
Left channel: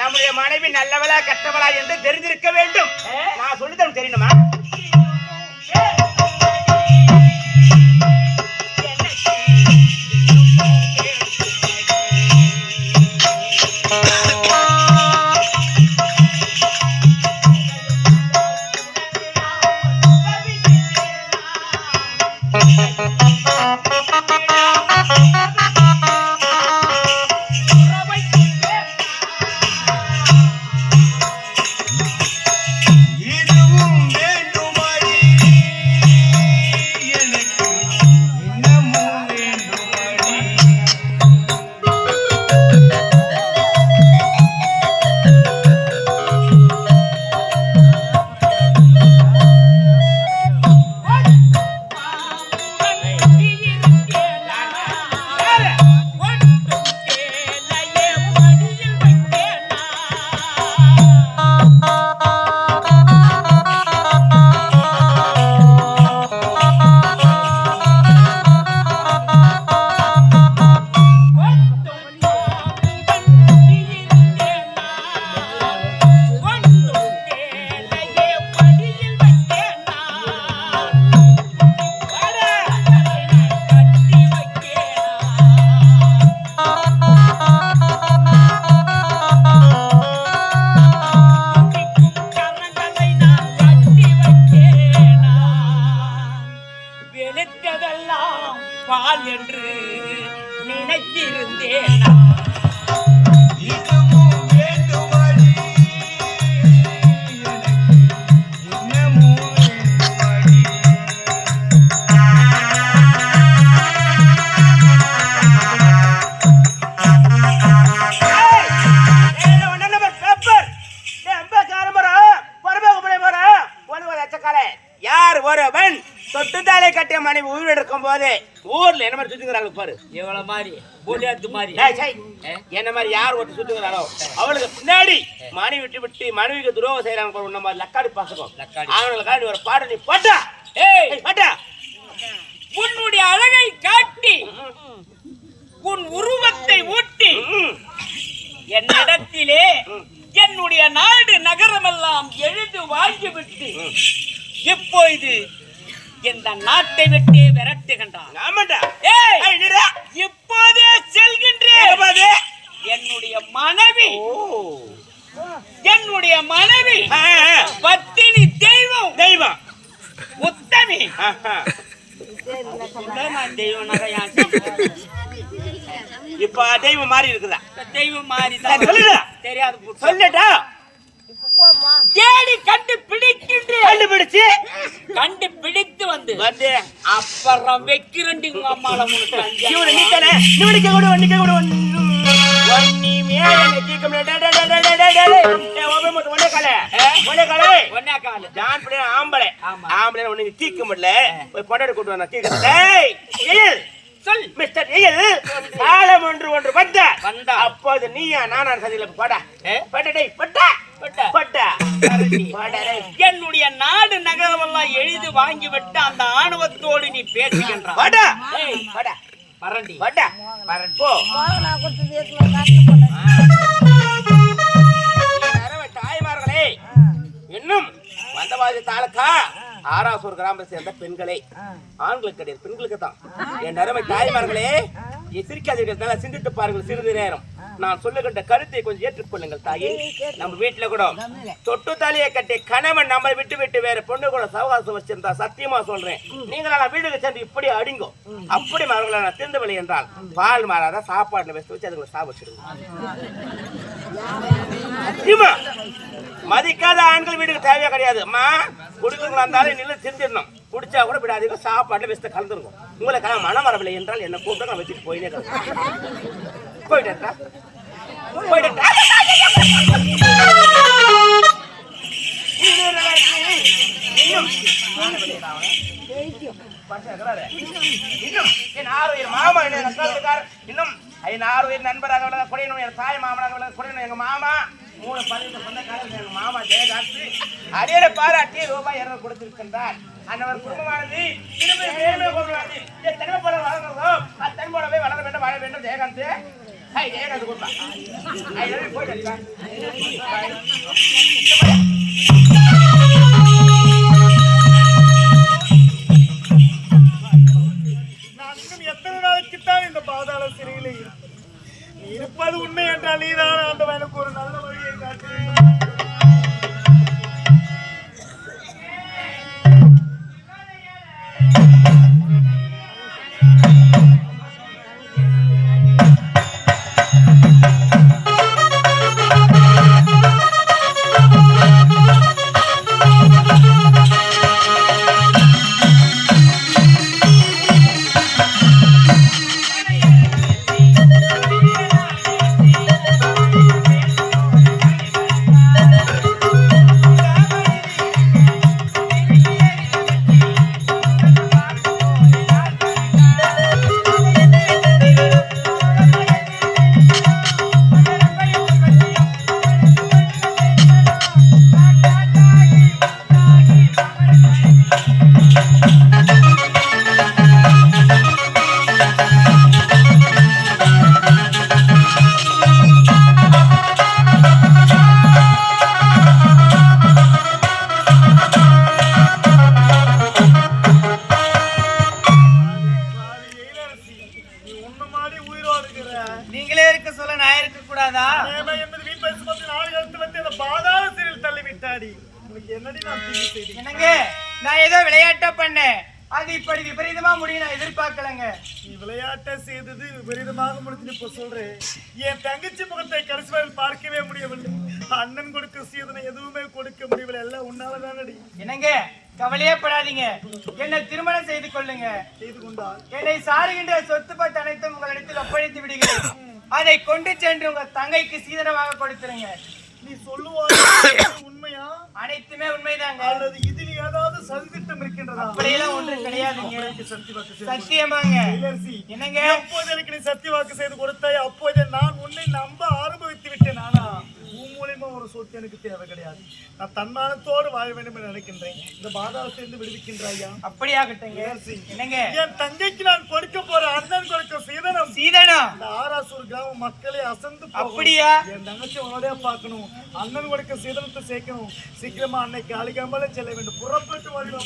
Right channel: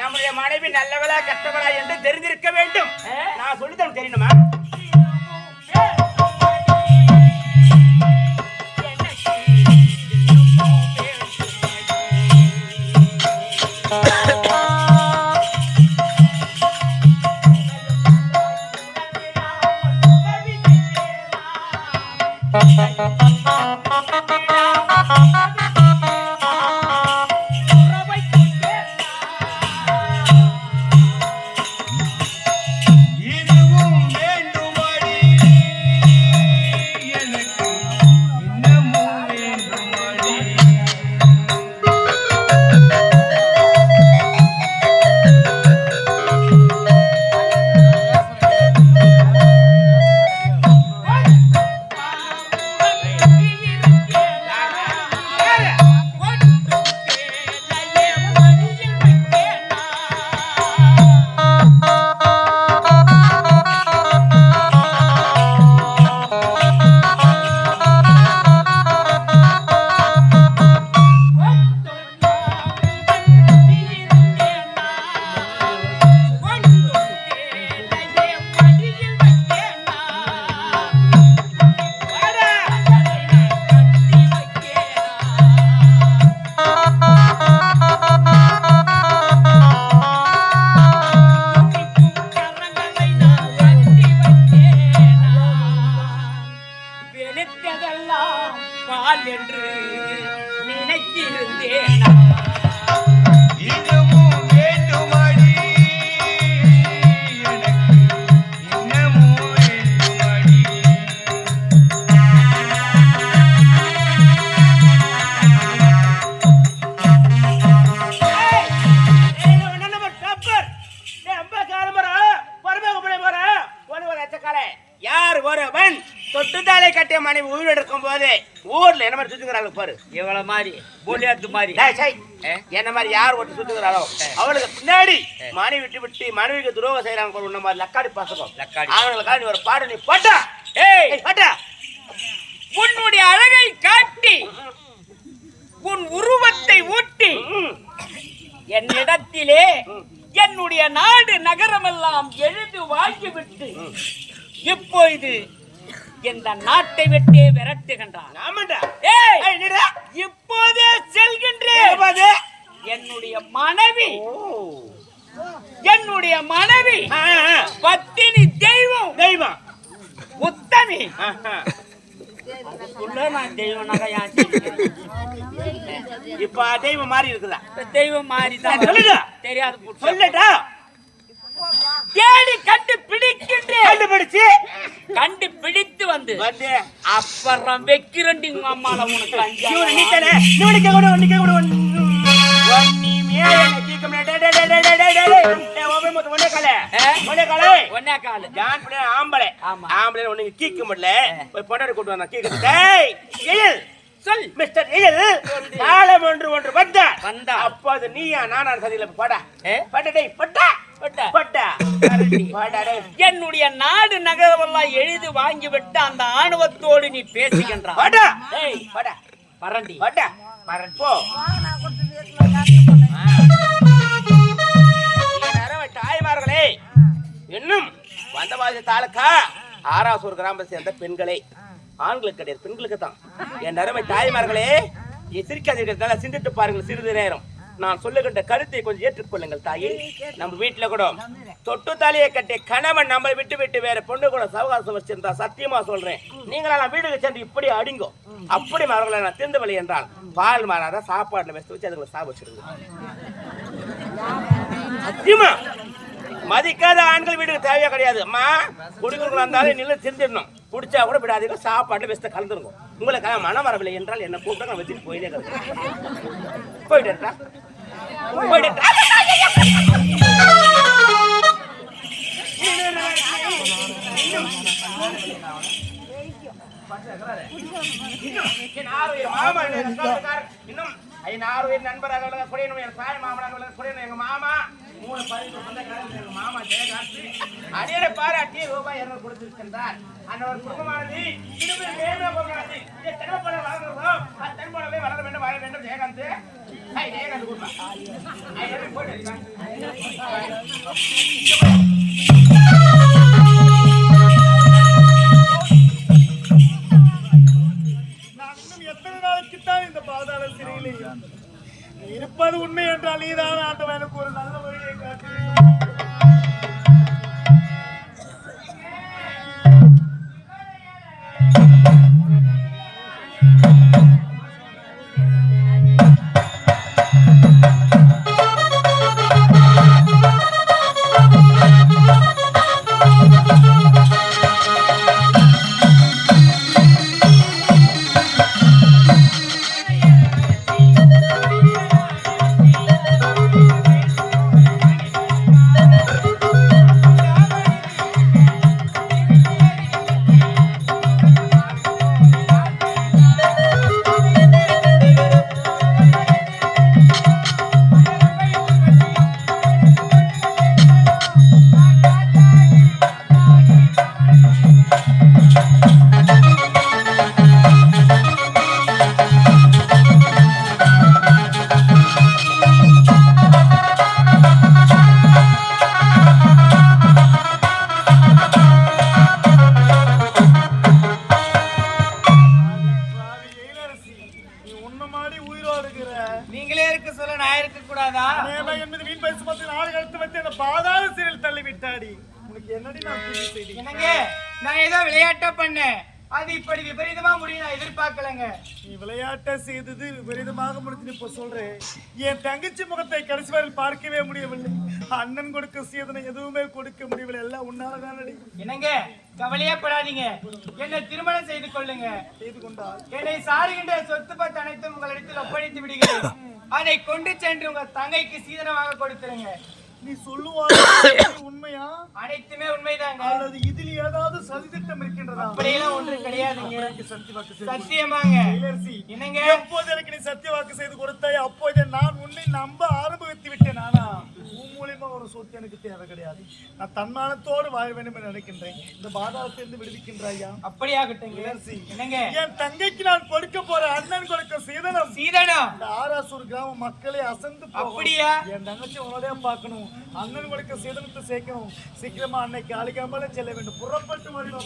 நம்முடைய மனைவி நல்லவளா கெட்டவளா என்று தெரிஞ்சிருக்க வேண்டும். நான் சொல்லித்தரேன், தெரியணுமா? தொட்டுத்தாலே கட்டிய மனைவி உயிர் எடுக்கும் போது ஊர்ல என்ன மாதிரி சுத்துக்கிறாங்க பாரு. இவ்வளவு மாதிரி போலியாத்து மாதிரி என்ன மாதிரி யார் ஒருத்தர் சுத்துக்கிறாரோ அவளுக்கு பின்னாடி மனைவி விட்டு விட்டு மனைவிக்கு துரோகம் செய்யறாங்க உன்ன மாதிரி லக்காடி பாசகம் அவங்களுக்காக நீ ஒரு பாடு நீ போட்டா பாட்டா உன்னுடைய அழகை காட்டி உன் உருவத்தை ஊட்டி என்னிடத்திலே என்னுடைய நாடு நகரமெல்லாம் எழுது வாங்கிவிட்டு இப்பொழுது இந்த நாட்டை விட்டே விரட்டுகின்றான். ஆமாண்டா. இப்போதே செல்கின்றேன். என்னுடைய மனைவி பத்தினி தெய்வம் உத்தமி. நான் தெய்வம் இப்ப தெய்வம் மாறி இருக்குதா? தெய்வம் மாறி சொல்லுடா. தெரியாது சொல்லட்டா. தேடி கண்டுபிடிச்சு வந்து அப்புறம் வைக்கிறேன் அம்மால உனக்கு ஆம்பளை ஒண்ணு கீக்க முடியல பொண்டாடி கூட்டு வந்தா கீக்க சொல் மிஸ்டர் காலம் ஒன்று வந்தா அப்போது நீயா நானா சதியில படா பட்டா என்னுடைய நாடு நகரெல்லாம் எழுதி வாங்கிவிட்டு அந்த ஆணவத்தோடு நீ பேசுகின்றாய். தாய்மார்களே, இன்னும் வந்தவாசி தாலுக்கா ஆராசூர் கிராமத்தை சேர்ந்த பெண்களே, ஆண்களுக்கு கிடையாது பெண்களுக்கு தான். என் அருமை தாய்மார்களே, சிரிக்காதீர்கள், சிந்தித்து பாருங்கள் சிறிது நேரம். நான் சொல்லுகின்ற கருத்தை கொஞ்சம் ஏற்றுக்கொள்ளுங்கள் தாயே. நம்ம வீட்டுல கூட தொட்டு தாலியை கட்டி கணவன் நம்மளை விட்டு வேற பொண்ணு கூட சவகாசம் வச்சிருந்தா சத்தியமா சொல்றேன், நீங்களா வீடுக்கு சென்று இப்படி அடிங்கோ. அப்படி மரங்களை நான் திறந்தவழி என்றால் பால் மாறாத சாப்பாடுல வச்சு அதுங்களை சாப்பிடுங்க. சத்தியமா மதிக்காத ஆண்கள் வீட்டுக்கு தேவையா கிடையாது. அம்மா குடிக்கிறவங்களா இருந்தாலும் நின்று திருந்திடணும். குடிச்சா கூட விடாதீங்க, சாப்பாடுல வச்சு கலந்துருக்கும். உங்களுக்கு மனம் வரவில்லை என்றால் என்ன கூப்பிட்டு நான் வச்சுட்டு போயினே கிடக்கு. போயிட்டா மாமா இன்னும் 6 நண்பராக குறையணும். என் தாய் மாமனாக குறையணும். எங்க மாமா 3 பதிவு சொந்தக்காரர் எங்க மாமா ஜெயகாந்த் அதே பாராட்டி ரூபாய் 200 கொடுத்திருக்கின்றார். அன்னவர் குடும்பமானது திரும்பி வேணுமே கொள்வாரு. தென்னை போல வளர்ந்ததோ அது தென் போலவே வளர வேண்டும், வாழ வேண்டும். ஜெயகாந்த் ஜெயகாந்த் கொடுப்பா போயிட்டு எத்தனை நாளைக்குத்தான் இந்த பாதாள சிறையிலே இருப்பது உண்மை என்றால் நீதான் ஆண்டவன் எனக்கு ஒரு நல்ல வழியை காட்டு. நீங்களே இருக்க சொல்ல நான் இருக்க கூடாதா? பாதாள சிறையில் தள்ளி விட்டாடி. உனக்கு என்னடி என்னங்க, நான் ஏதோ விளையாட்டா பண்ணேன், அது இப்படி விபரீதமா முடியும் நான் எதிர்பார்க்கலங்க. நீ விளையாட்ட செய்தது விபரீதமாக முடிஞ்சு இப்ப சொல்றேன். என் தங்கச்சி முகத்தை கடைசி வரை பார்க்கவே முடியவில்லை. அண்ணன் கொடுக்க சீதனை எதுவுமே கொடுக்க முடியவில்லை. எல்லாம் உன்னாலதானடி. என்னங்க, கவலையே படாதீங்க, என்னை திருமணம் செய்து கொள்ளுங்க. செய்து கொண்டால் என்னை சாருகின்ற சொத்து பத்து அனைத்தும் உங்களிடத்தில் ஒப்படைத்து விடுகிறேன். அதை கொண்டு சென்று உங்க தங்கைக்கு சீதனமாக கொடுத்துருங்க. நீ சொல்லுவாங்க உண்மையா? அனைத்துமே உண்மைதாங்க. அல்லது இதில் ஏதாவது சதித்திட்டம் இருக்கின்றதா? அப்படியெல்லாம் ஒன்றும் கிடையாதுங்க. சத்தியமாங்க. என்னங்க, எப்போது எனக்கு நீ சத்திய வாக்கு செய்து கொடுத்தாய் அப்போது நான் உன்னை நம்ப ஆரம்பித்து விட்டேன். ஆனா உன் மூலியமா ஒரு சொத்து வாழ்க்கை எனக்கு தேவை கிடையாது. நான் தன்மானத்தோடு வாழ வேண்டும் என்று நினைக்கின்றேன். இந்த பாதாளத்திலிருந்து விடுவிக்கின்றாயா? அப்படியாகட்டுங்க. என்னங்க என் தங்கைக்கு நான் கொடுக்க போற அண்ணன் கொடுக்க சீதனம் இந்த ஆராசூர் கிராம மக்களே அசந்து போகும். அப்படியா? என் தங்கச்சி உன்னோட பார்க்கணும். அண்ணன் கொடுக்க சீதனத்தை சேர்க்கணும். சீக்கிரமா அன்னைக்கு அழுகாமலே செல்ல வேண்டும். புறப்பட்டு வருவோம்.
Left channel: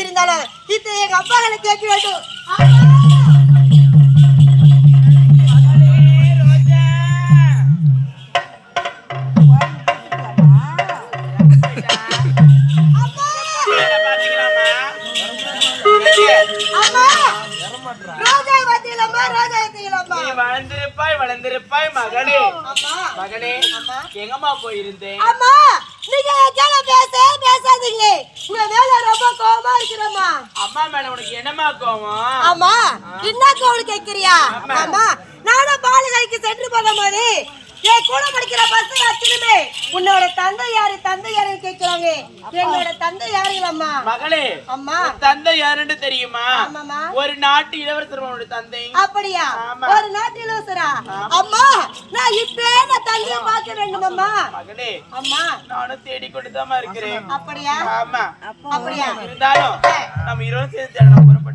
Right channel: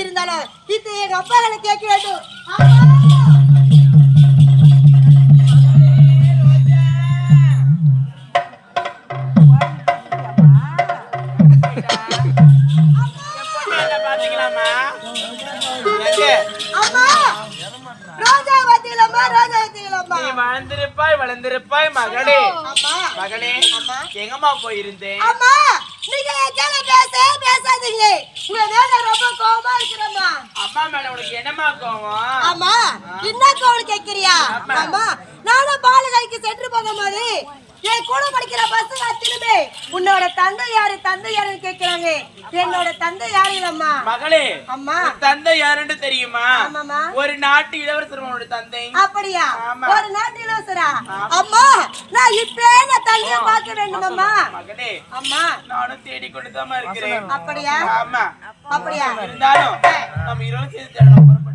இருந்தாலும் இது எங்க அப்பாக்களை கேட்க வேண்டும். வளர்ந்திருப்பாய் மகளே. மகளே எங்கம்மா போயிருந்தேன்? அம்மா நீங்க எங்கேல பேசாதீங்க. உங்க மேல ரொம்ப கோவமா இருக்கிறேம்மா. அம்மா மேல உனக்கு என்னம்மா கோவம்? அம்மா என்ன கோவம் கேக்குறியா? அம்மா நானும் பாலகைக்கு சென்று போகும்போது என் கூட படிக்கிற பசங்க அத்தனைமே உன்னோட தந்தை யாருன்னு கேக்குறாங்க. என்னோட தந்தை யாருங்களம்மா? மகளே அம்மா தந்தை யாருன்னு தெரியுமா? ஆமாமா. ஒரு நாட்டு இளவரசர் உன்னோட தந்தை. அப்படியா? ஒரு நாட்டு இளவரசரா? அம்மா நான் இப்பவே நான் தந்தைய பார்க்க வேண்டும் அம்மா. மகளே அம்மா நானும் தேடிக்கொண்டுதான் இருக்கிறேன். அப்படியா? ஆமா. அப்படியா? இருந்தாலும் நம்ம இருவரும் சேர்ந்து தேடலாம். புறப்பட்டு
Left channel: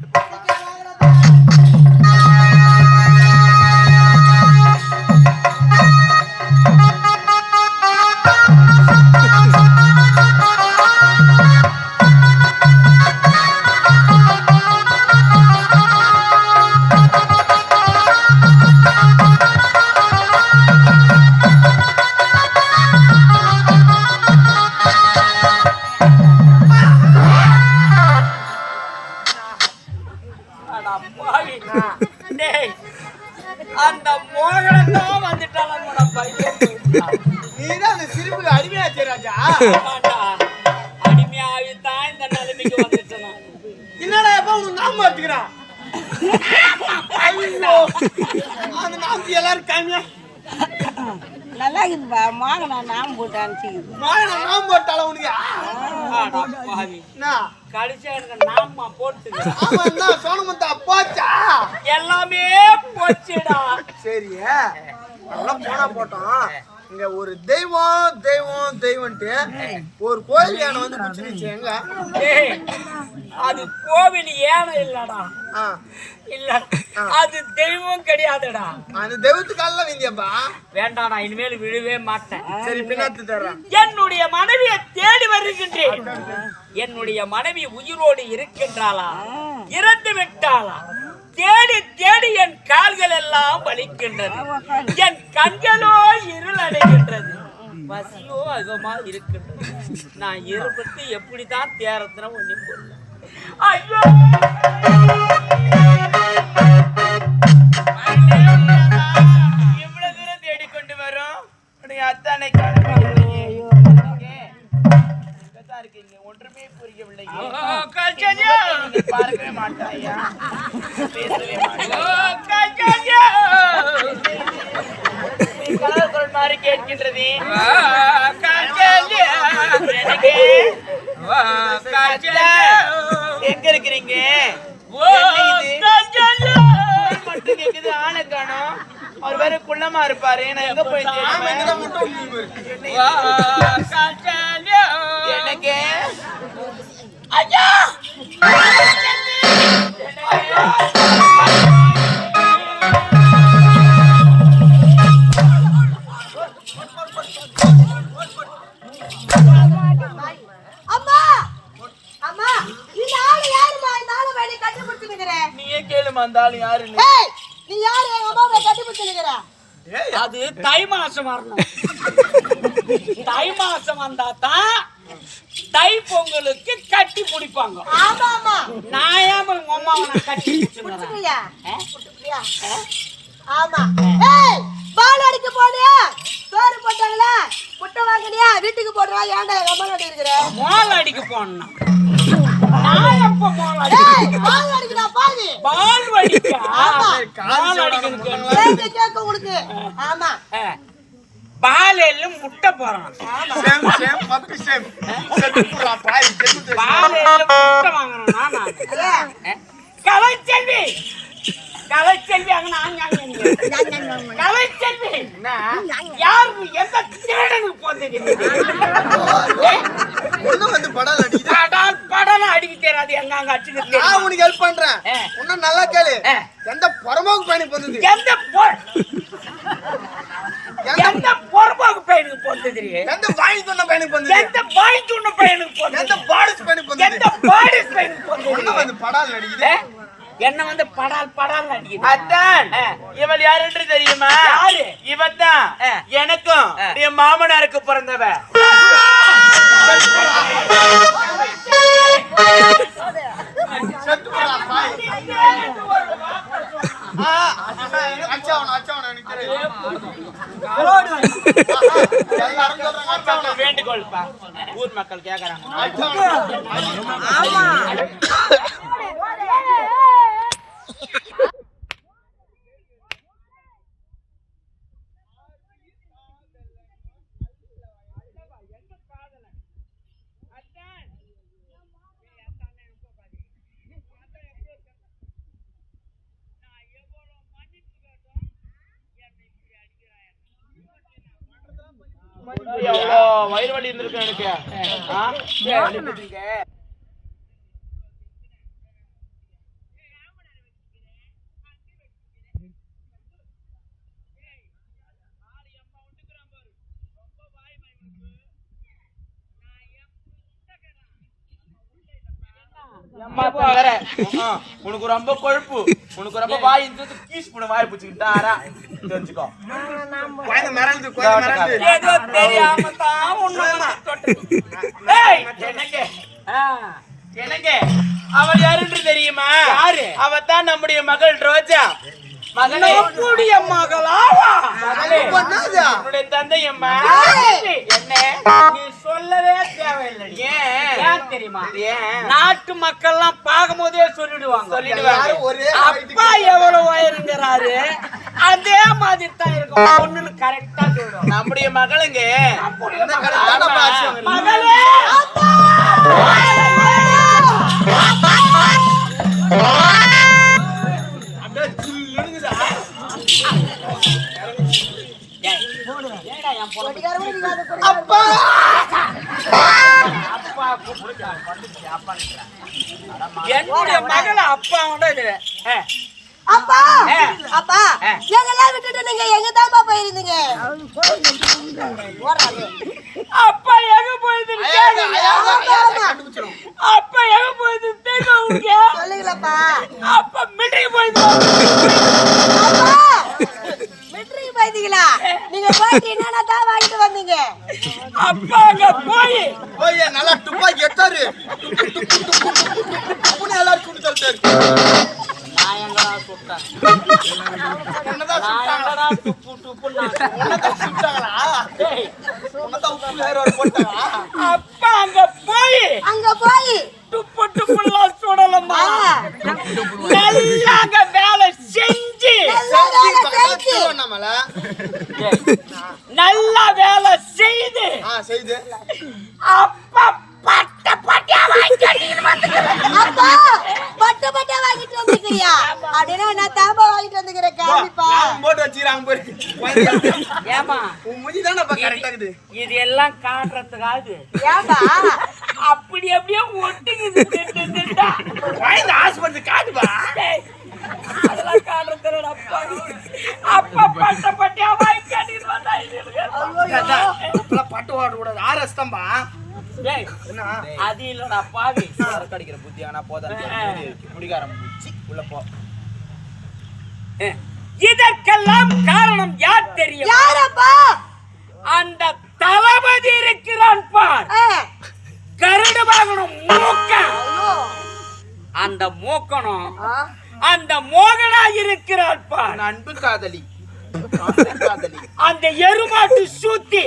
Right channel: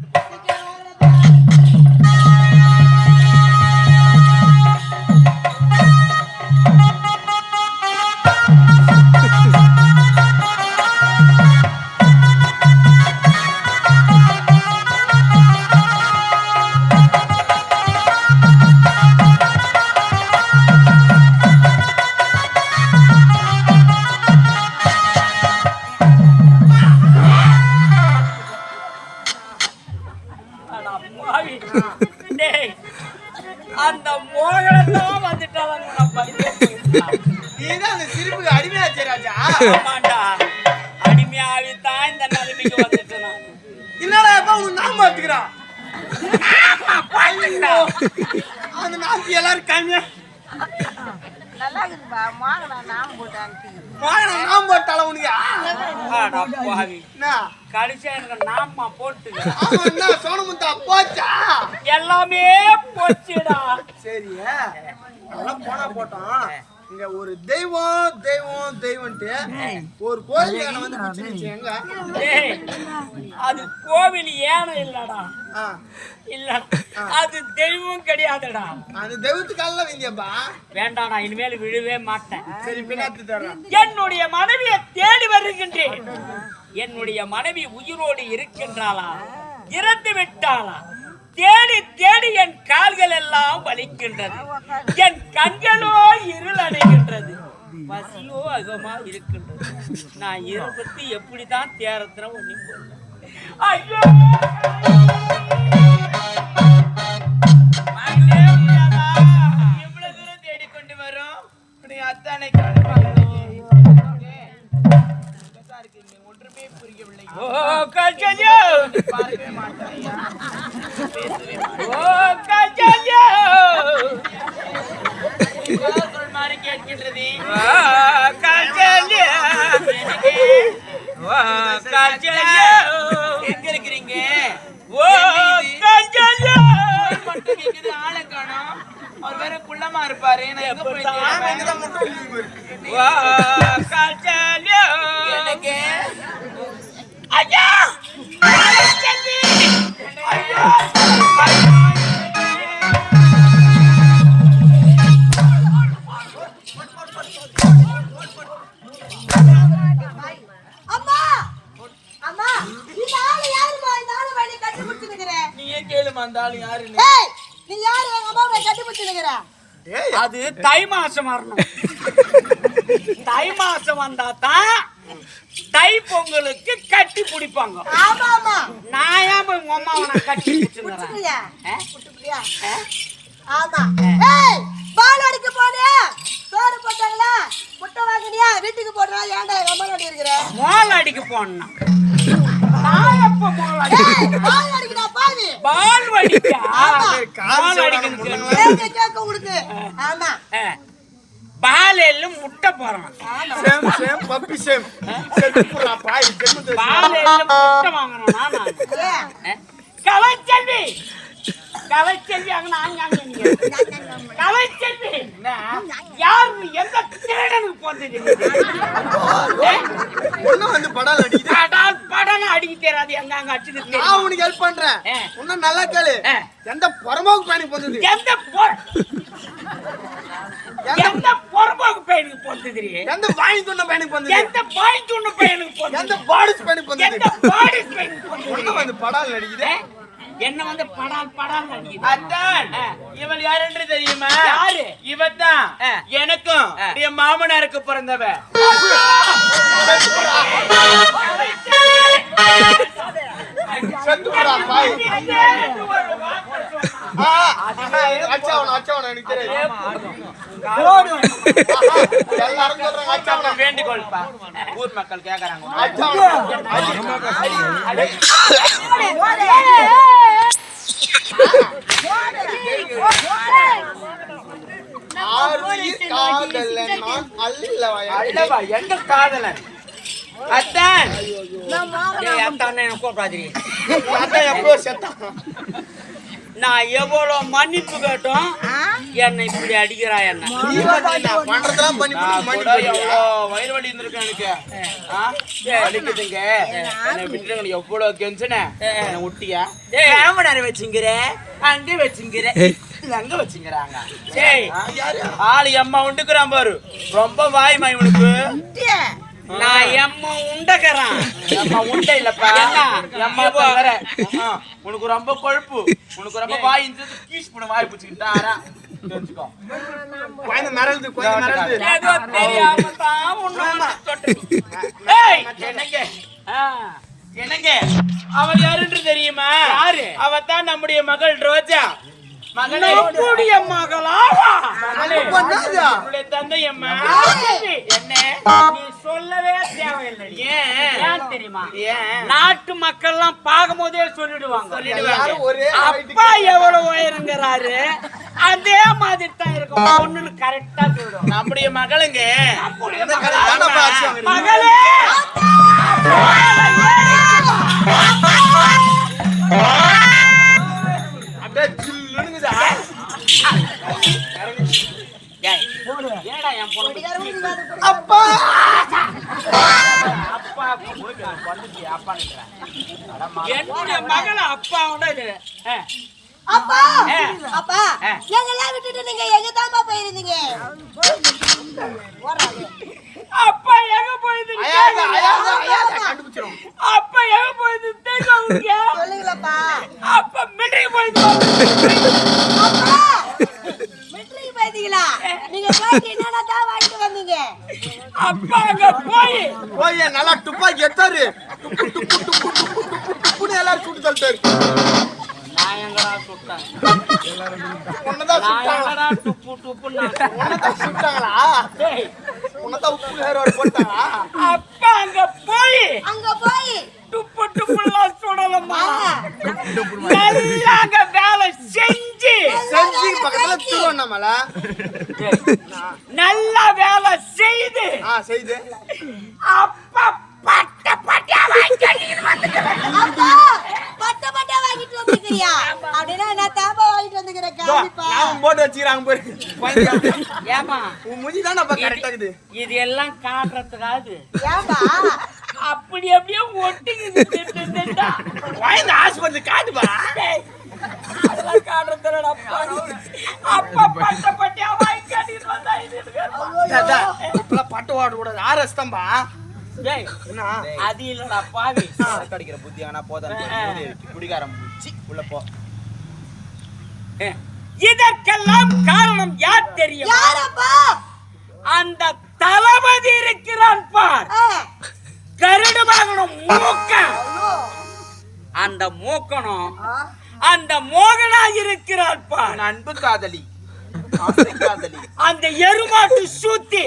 அந்த மோகனத்தான் வந்துட்டாலும் நீதான் சிரிப்புக்கு அடிமையாச்சு ராஜா. ஆமாண்டா, அடிமையாவித்தான் இந்த நிலைமைக்கு வந்துட்டேன். என்னடா எப்ப உனக்கு நாம வச்சுக்கிறான்? அந்த நாமத்தை எல்லாரும் காமியா. நல்லா இருக்குப்பா மாங்கனா நாம் போட்டு அனுப்பிச்சு வாங்க நாம் போட்டால உனக்கு ஆடா பாவி என்ன கடைசியா எனக்கு நாம போட்டு ஆமா என்ன சோனமுத்தா போச்சா எல்லாமே போச்சுடா. சரி அதெல்லாம் போனா போட்டோம். இங்க ஒரு தெய்வம் தெய்வம் தெய்வம்ட்டு ஒரு கோயில் யானை வந்து குச்சிருச்சு. எங்க டேய், அது கோவில் ஏன இல்லடா. ஆ, இல்ல அது தெய்வம் கிடையாதுடா. அந்த தெய்வத்துக்கால வேண்டியப்பா. வேண்டாம், நான் இனிமேல் விழவே மாட்டேன். சரி பின்னாத்து தர்றேன். என்னுடைய மனைவியை தேடி வருகின்றேன். என்னுடைய மனைவி உயிரோடு இருக்கின்றாளா இறந்து விட்டாளா? தேடி தேடி என் கால்கள் எல்லாம் வலிக்கின்றது, என் கண்களோ இருள் அடைகின்றது, பசியோ அதிகமா இருக்கின்றது. நான் இருபத்தி எப்படித்தான் தேரத்தின ஒன்றும் போடல. ஐயோ எவ்வளவு தூரம் தேடிக்கொண்டு வரும் அத்தானை இருக்கீங்க. ஒன்றுமே புரியவில்லை. பார்க்கவே மாட்டாயா? மாதிரி கேட்கின்றது. எங்க இருக்கிறீங்க? ஆளை காணோம். அவர் வேற குள்ளமா இருப்பாரு. நான் எங்க போயிட்டு எனக்கு ஐயா அம்மா அம்மா இந்த ஆளு யாருமா? இந்த ஆளு வேலை கட்டி பிடிச்சிருக்கிற நீயே கேளுமா அந்த ஆளு யாரு? ஏய் நீ யாரு? எங்க அம்மாவை கட்டி பிடிச்சிருக்கிற? அது தை மாசம் வரணும். தை மாசம் வந்தா தான் தை பொங்கலுக்கு கட்டி பிடிப்பாங்க. ஆமா ஆமா நான் ஏன் உங்க அம்மாவை நான் கட்டி பிடிச்சிருக்கிறேன்? புடிச்சியா புடிச்சியா? ஆமா. ஏய் பால் அடிக்க போனியா? சோறு போட்டாங்களா? முட்டை வாங்கினியா? வீட்டுக்கு போடுறா. ஏன்டா எங்க அம்மா நடி இருக்கிற? மோல் அடிக்க போனோம். நான் எப்ப மோல் அடிக்க? பால் அடிக்கடா பாவி. பால் வடிக்க. ஆமா. மோல் அடிக்கணும். கேக்க உங்களுக்கு. ஆமா. பால் எல்லாம் முட்டை போறான். ஆமா. Same same puppy same. சரி புறா பாய் ஜென்மத்து. பால் எல்லாம் முட்டை வாங்குறேன் நான். ஏ கலைச்செல்வி கலைச்செல்வி அங்க கலைச்செல்வி யாரு எந்த திருடனுக்கு போந்தது? ஒண்ணு வந்து படால் அடிக்குது. படம் அடிக்க தெரியாது. எங்க அங்க அடிச்சுட்டு நான் உனக்கு ஹெல்ப் பண்றேன். இன்னும் நல்லா கேளு. எந்த பொறம்போக்கு பையனுக்கு போந்தது? எந்த பொறம்போக்கு பையனுக்கு போந்தது? எந்த வாங்கி துண்ண பையனுக்கு போந்தது? எந்த வாங்கி துண்ண பையனுக்கு போந்தது? எந்த பாடிஸ் பையனுக்கு போந்தது? எந்த பாடிஸ் பையனுக்கு போந்தது? ஒண்ணு வந்து படால் அடிக்குது. என்ன வந்து படால் அடிக்குது. அத்தான் இவள் யார் என்று தெரியுமா? யாரு? இவதான் எனக்கும் என் மாமனாருக்கு பிறந்தவ. செத்துறா பாய். அச்சவன எனக்கு தெரியும். ஊர் மக்கள் வேண்டுகோள்ப்பா. ஊர் மக்கள் கேக்குறாங்க. அல்லவா எங்க காதலன்? அத்தான் கூப்பிடாதீங்க. எப்போ செத்தான்? நான் எவ்வளவு மன்னிப்பு கேட்டோம், என்னை இப்படி அடிக்கிறா என்ன? பண்றதெல்லாம் பண்ணி கூட எவ்வளோ வயிறு வலி இருந்திருக்கு எனக்கு. வலிக்குதுங்க என்னை விட்டுருங்க. எவ்வளவு கெஞ்சினேன் என்னை விட்டியா? கேமரா வச்சுங்கிற, அங்கே வச்சுங்கிற, அங்க வச்சுக்கிறாங்க. ஆளு எம்மா உண்டுக்குறான் பாரு. ரொம்ப வாய்மா இவனுக்கு. நான் எம்மா உண்டக்கிறான். எம்மா உண்டை இல்லப்பா. எம்மா வேற. உனக்கு ரொம்ப கொழுப்பு. உனக்கு ரொம்ப வாய் கீஸ் பண்ண வாய் பிடிச்சுக்கிட்டாரா தெரிஞ்சுக்கோ. குழந்தை மிரளுது, குழந்தை மிரளுது. ஏதோ தெரியாம தான் ஒண்ணு என்னங்க என்னங்க அவள் யாருன்னு தெரியுமா? யாரு? அவ தான் நம்முடைய மகள் ரோஜா. மகளே, நம்முடைய மகளாவா? மகளே, பண்ணாதா? உன்னுடைய தந்தை அம்மா. என்ன நீ சொல்லவே தேவையில்லை. ஏன் ஏன் தெரியுமா? ஏன்? நாட்டு மக்கள் எல்லாம் பார்க்கும் போதே சொல்லிடு. சொல்லிடுவாங்க. அப்பா எவ்வளவு உயரங்கிறாரு அதே மாதிரி தான் இருக்கும். பொண்ணுன்னு கரெக்டா சொல்லிடுவாங்க. நம்முடைய மகளுங்க மகளே ஏய், ஏடா என் பொண்ணு அப்பா அப்பா வந்துச்சு அப்பா என்னுடைய மகளை அப்பாவோட இது அப்பா அப்பா எங்கெல்லாம் விட்டுட்டு நீங்க எங்க தான் போயிருந்தீங்க அப்பா எங்க போயிருந்தீங்க அப்பா எங்க போயிருந்தீங்க சொல்லுங்களப்பா அப்பா மிலிட்டரி போயிருந்தீங்க மெட்ரிக் போயிருந்தீங்களா நீங்க போயிட்டு என்னென்ன தான் வாங்கிட்டு வந்தீங்க அப்பா அங்க போய் நல்லா துப்பாக்கி எடுத்தாரு துப்புன்னு எல்லாரும் சுட்டு தள்ளிட்டாரு நான் எங்கடா சுட்டேன் நான் எங்கடா துப்புன்னு அப்பா அங்க போய் துப்புலாம் சுடலம்மா நல்லா அங்க வேலை செஞ்சு நல்லா வேலை செய்து அப்பா பட்ட பட்டியா அப்பா பட்ட பட்ட வாங்கிட்டு வந்துக்கிறியா அப்படின்னா நான் தாம்பா வாங்கிட்டு வந்துக்கிறேன் காமிப்பா போட்டு வச்சுக்கிறாங்க பாரு ஏமா உன் முடி தானே கரெக்டா இருக்குது இது எல்லாம் காட்டுறதுக்காது ஏன்பா அப்படி அப்படியே ஒட்டிக்குது ஆஸ்பத்திரி காட்டுப்பா அதெல்லாம் காட்டுறது அப்பா அப்பா பட்ட பட்டியா வாங்கி கட்டிட்டு வந்தா இது பட்டு வாட கூடாது ஆர்எஸ் தான்பா அது இல்லடா பாவி கிடைக்கிற புத்தி ஆனா குடிகாரம் உள்ள போ இதற்கெல்லாம் காரணம் யார் தெரியும் யாரப்பா அந்த தளபதி இருக்கிறான் பார் கருடு வாகனம் மூக்கன் அந்த மூக்கனும் அந்த மோகனா இருக்கிறான் பார் அன்பு காதலி அந்த எருமாட்டு சூத்தி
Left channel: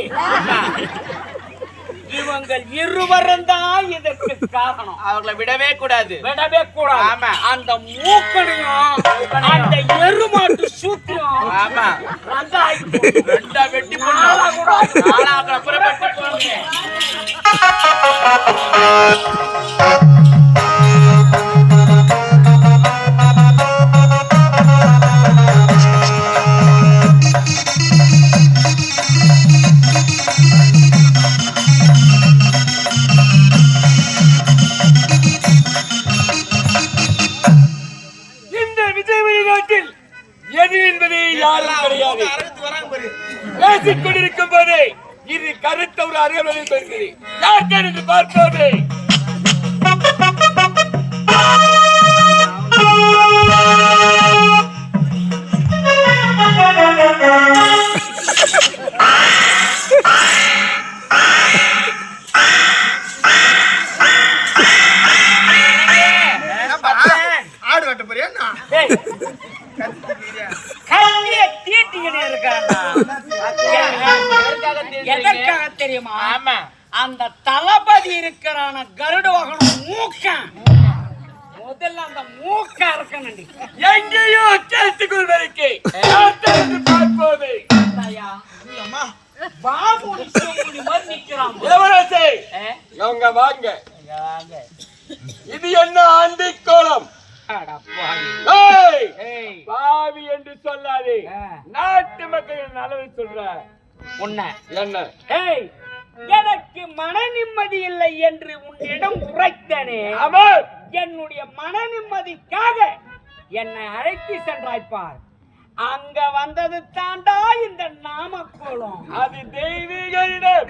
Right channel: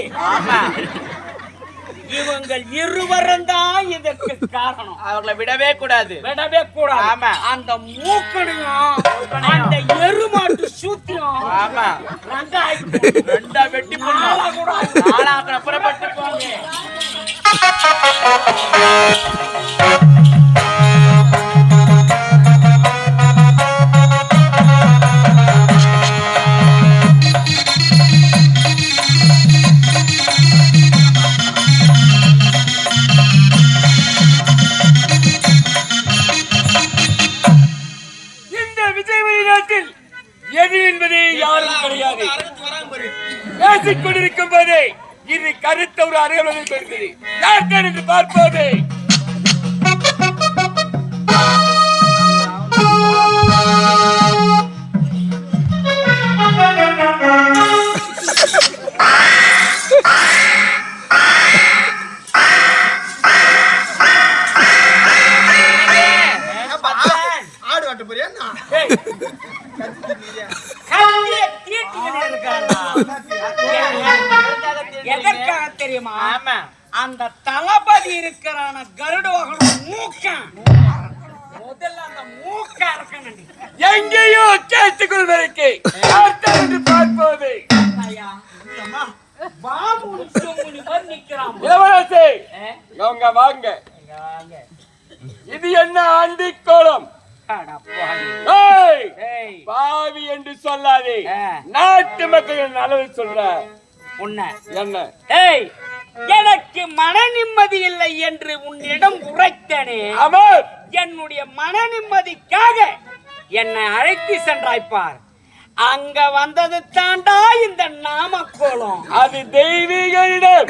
இவங்கள் இருவரும் தான் இதற்கு காரணம். அவங்களை விடவே கூடாது ஆமா. அந்த மூக்கனையும் அந்த எருமாட்டு சூத்தியும் ஆமா ரெண்டா வெட்டி நாளா கூட புறப்பட்டு போங்க. பேசிக் கொண்டிருக்கும் போதே இது கருத்த ஒரு அறிவுரையில் பெறுகிறது. யார் தான் என்று பார்ப்போமே. ஆடு வெட்ட போறியா எதற்காக தெரியுமா? அந்த தளபதி இருக்கிறான கருட வாகனம் மூக்கன் முதல்ல அந்த மூக்க இருக்கணும் எங்கேயோ கேட்டுக் கொள்வதற்கு பார்ப்போது பாமுனி சோமுனி மாதிரி நிக்கிறான். வாங்க இது என்ன ஆண்டி கோலம்? பாவி என்று சொல்லாதே, நாட்டு மக்களின் அளவு சொல்ற உன்ன என்ன? எனக்கு மன நிம்மதி இல்லை என்று உன்னிடம் உரைத்தனே. என்னுடைய மன நிம்மதிக்காக என்னை அழைத்து சென்றாய்ப்பார். அங்க வந்தது தாண்டா இந்த நாமக்கோலம். அது தெய்வீக இடம்.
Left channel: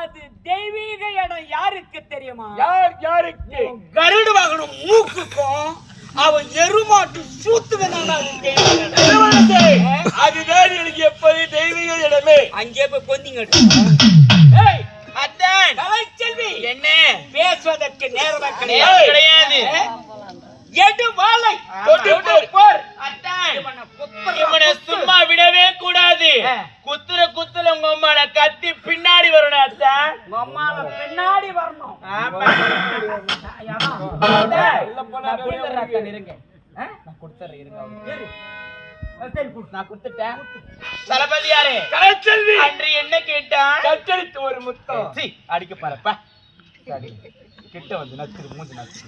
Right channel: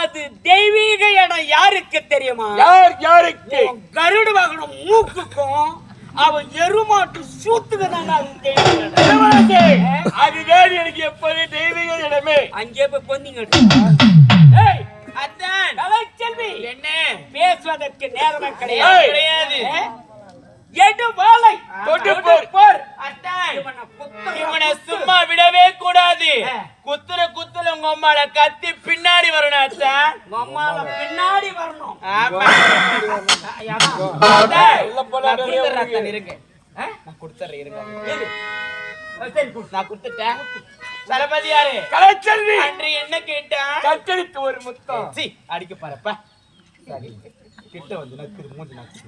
அது தெய்வீக இடம் யாருக்கு தெரியுமா? யாருக்கு? கருடு வாகனம் மூக்குக்கும் அவன் எருமாட்டு சூத்துக்கு அதுதான் எனக்கு எப்போது தெய்வீக இடமே. அங்கே போய் பொந்திங்க. செல்வி என்ன பேசுவதற்கு நேரமே கிடையாது. எடுவாளை சும்மா விடவே கூடாது. குத்துற உங்க அம்மால கத்தி பின்னாடி வரணும். அத்தான் உங்க அம்மால பின்னாடி வரணும். நான் கொடுத்துறேன் இருங்க. நான் கொடுத்துறேன் இருங்க. நான் கொடுத்துட்டேன். தளபதி யாரு? கலைச்செல்வி அன்று என்ன கேட்டான்? கத்தளித்து ஒரு முத்தம். சி அடிக்க பாருப்பா. சரி கிட்ட வந்து நக்குது மூஞ்சி நக்குது.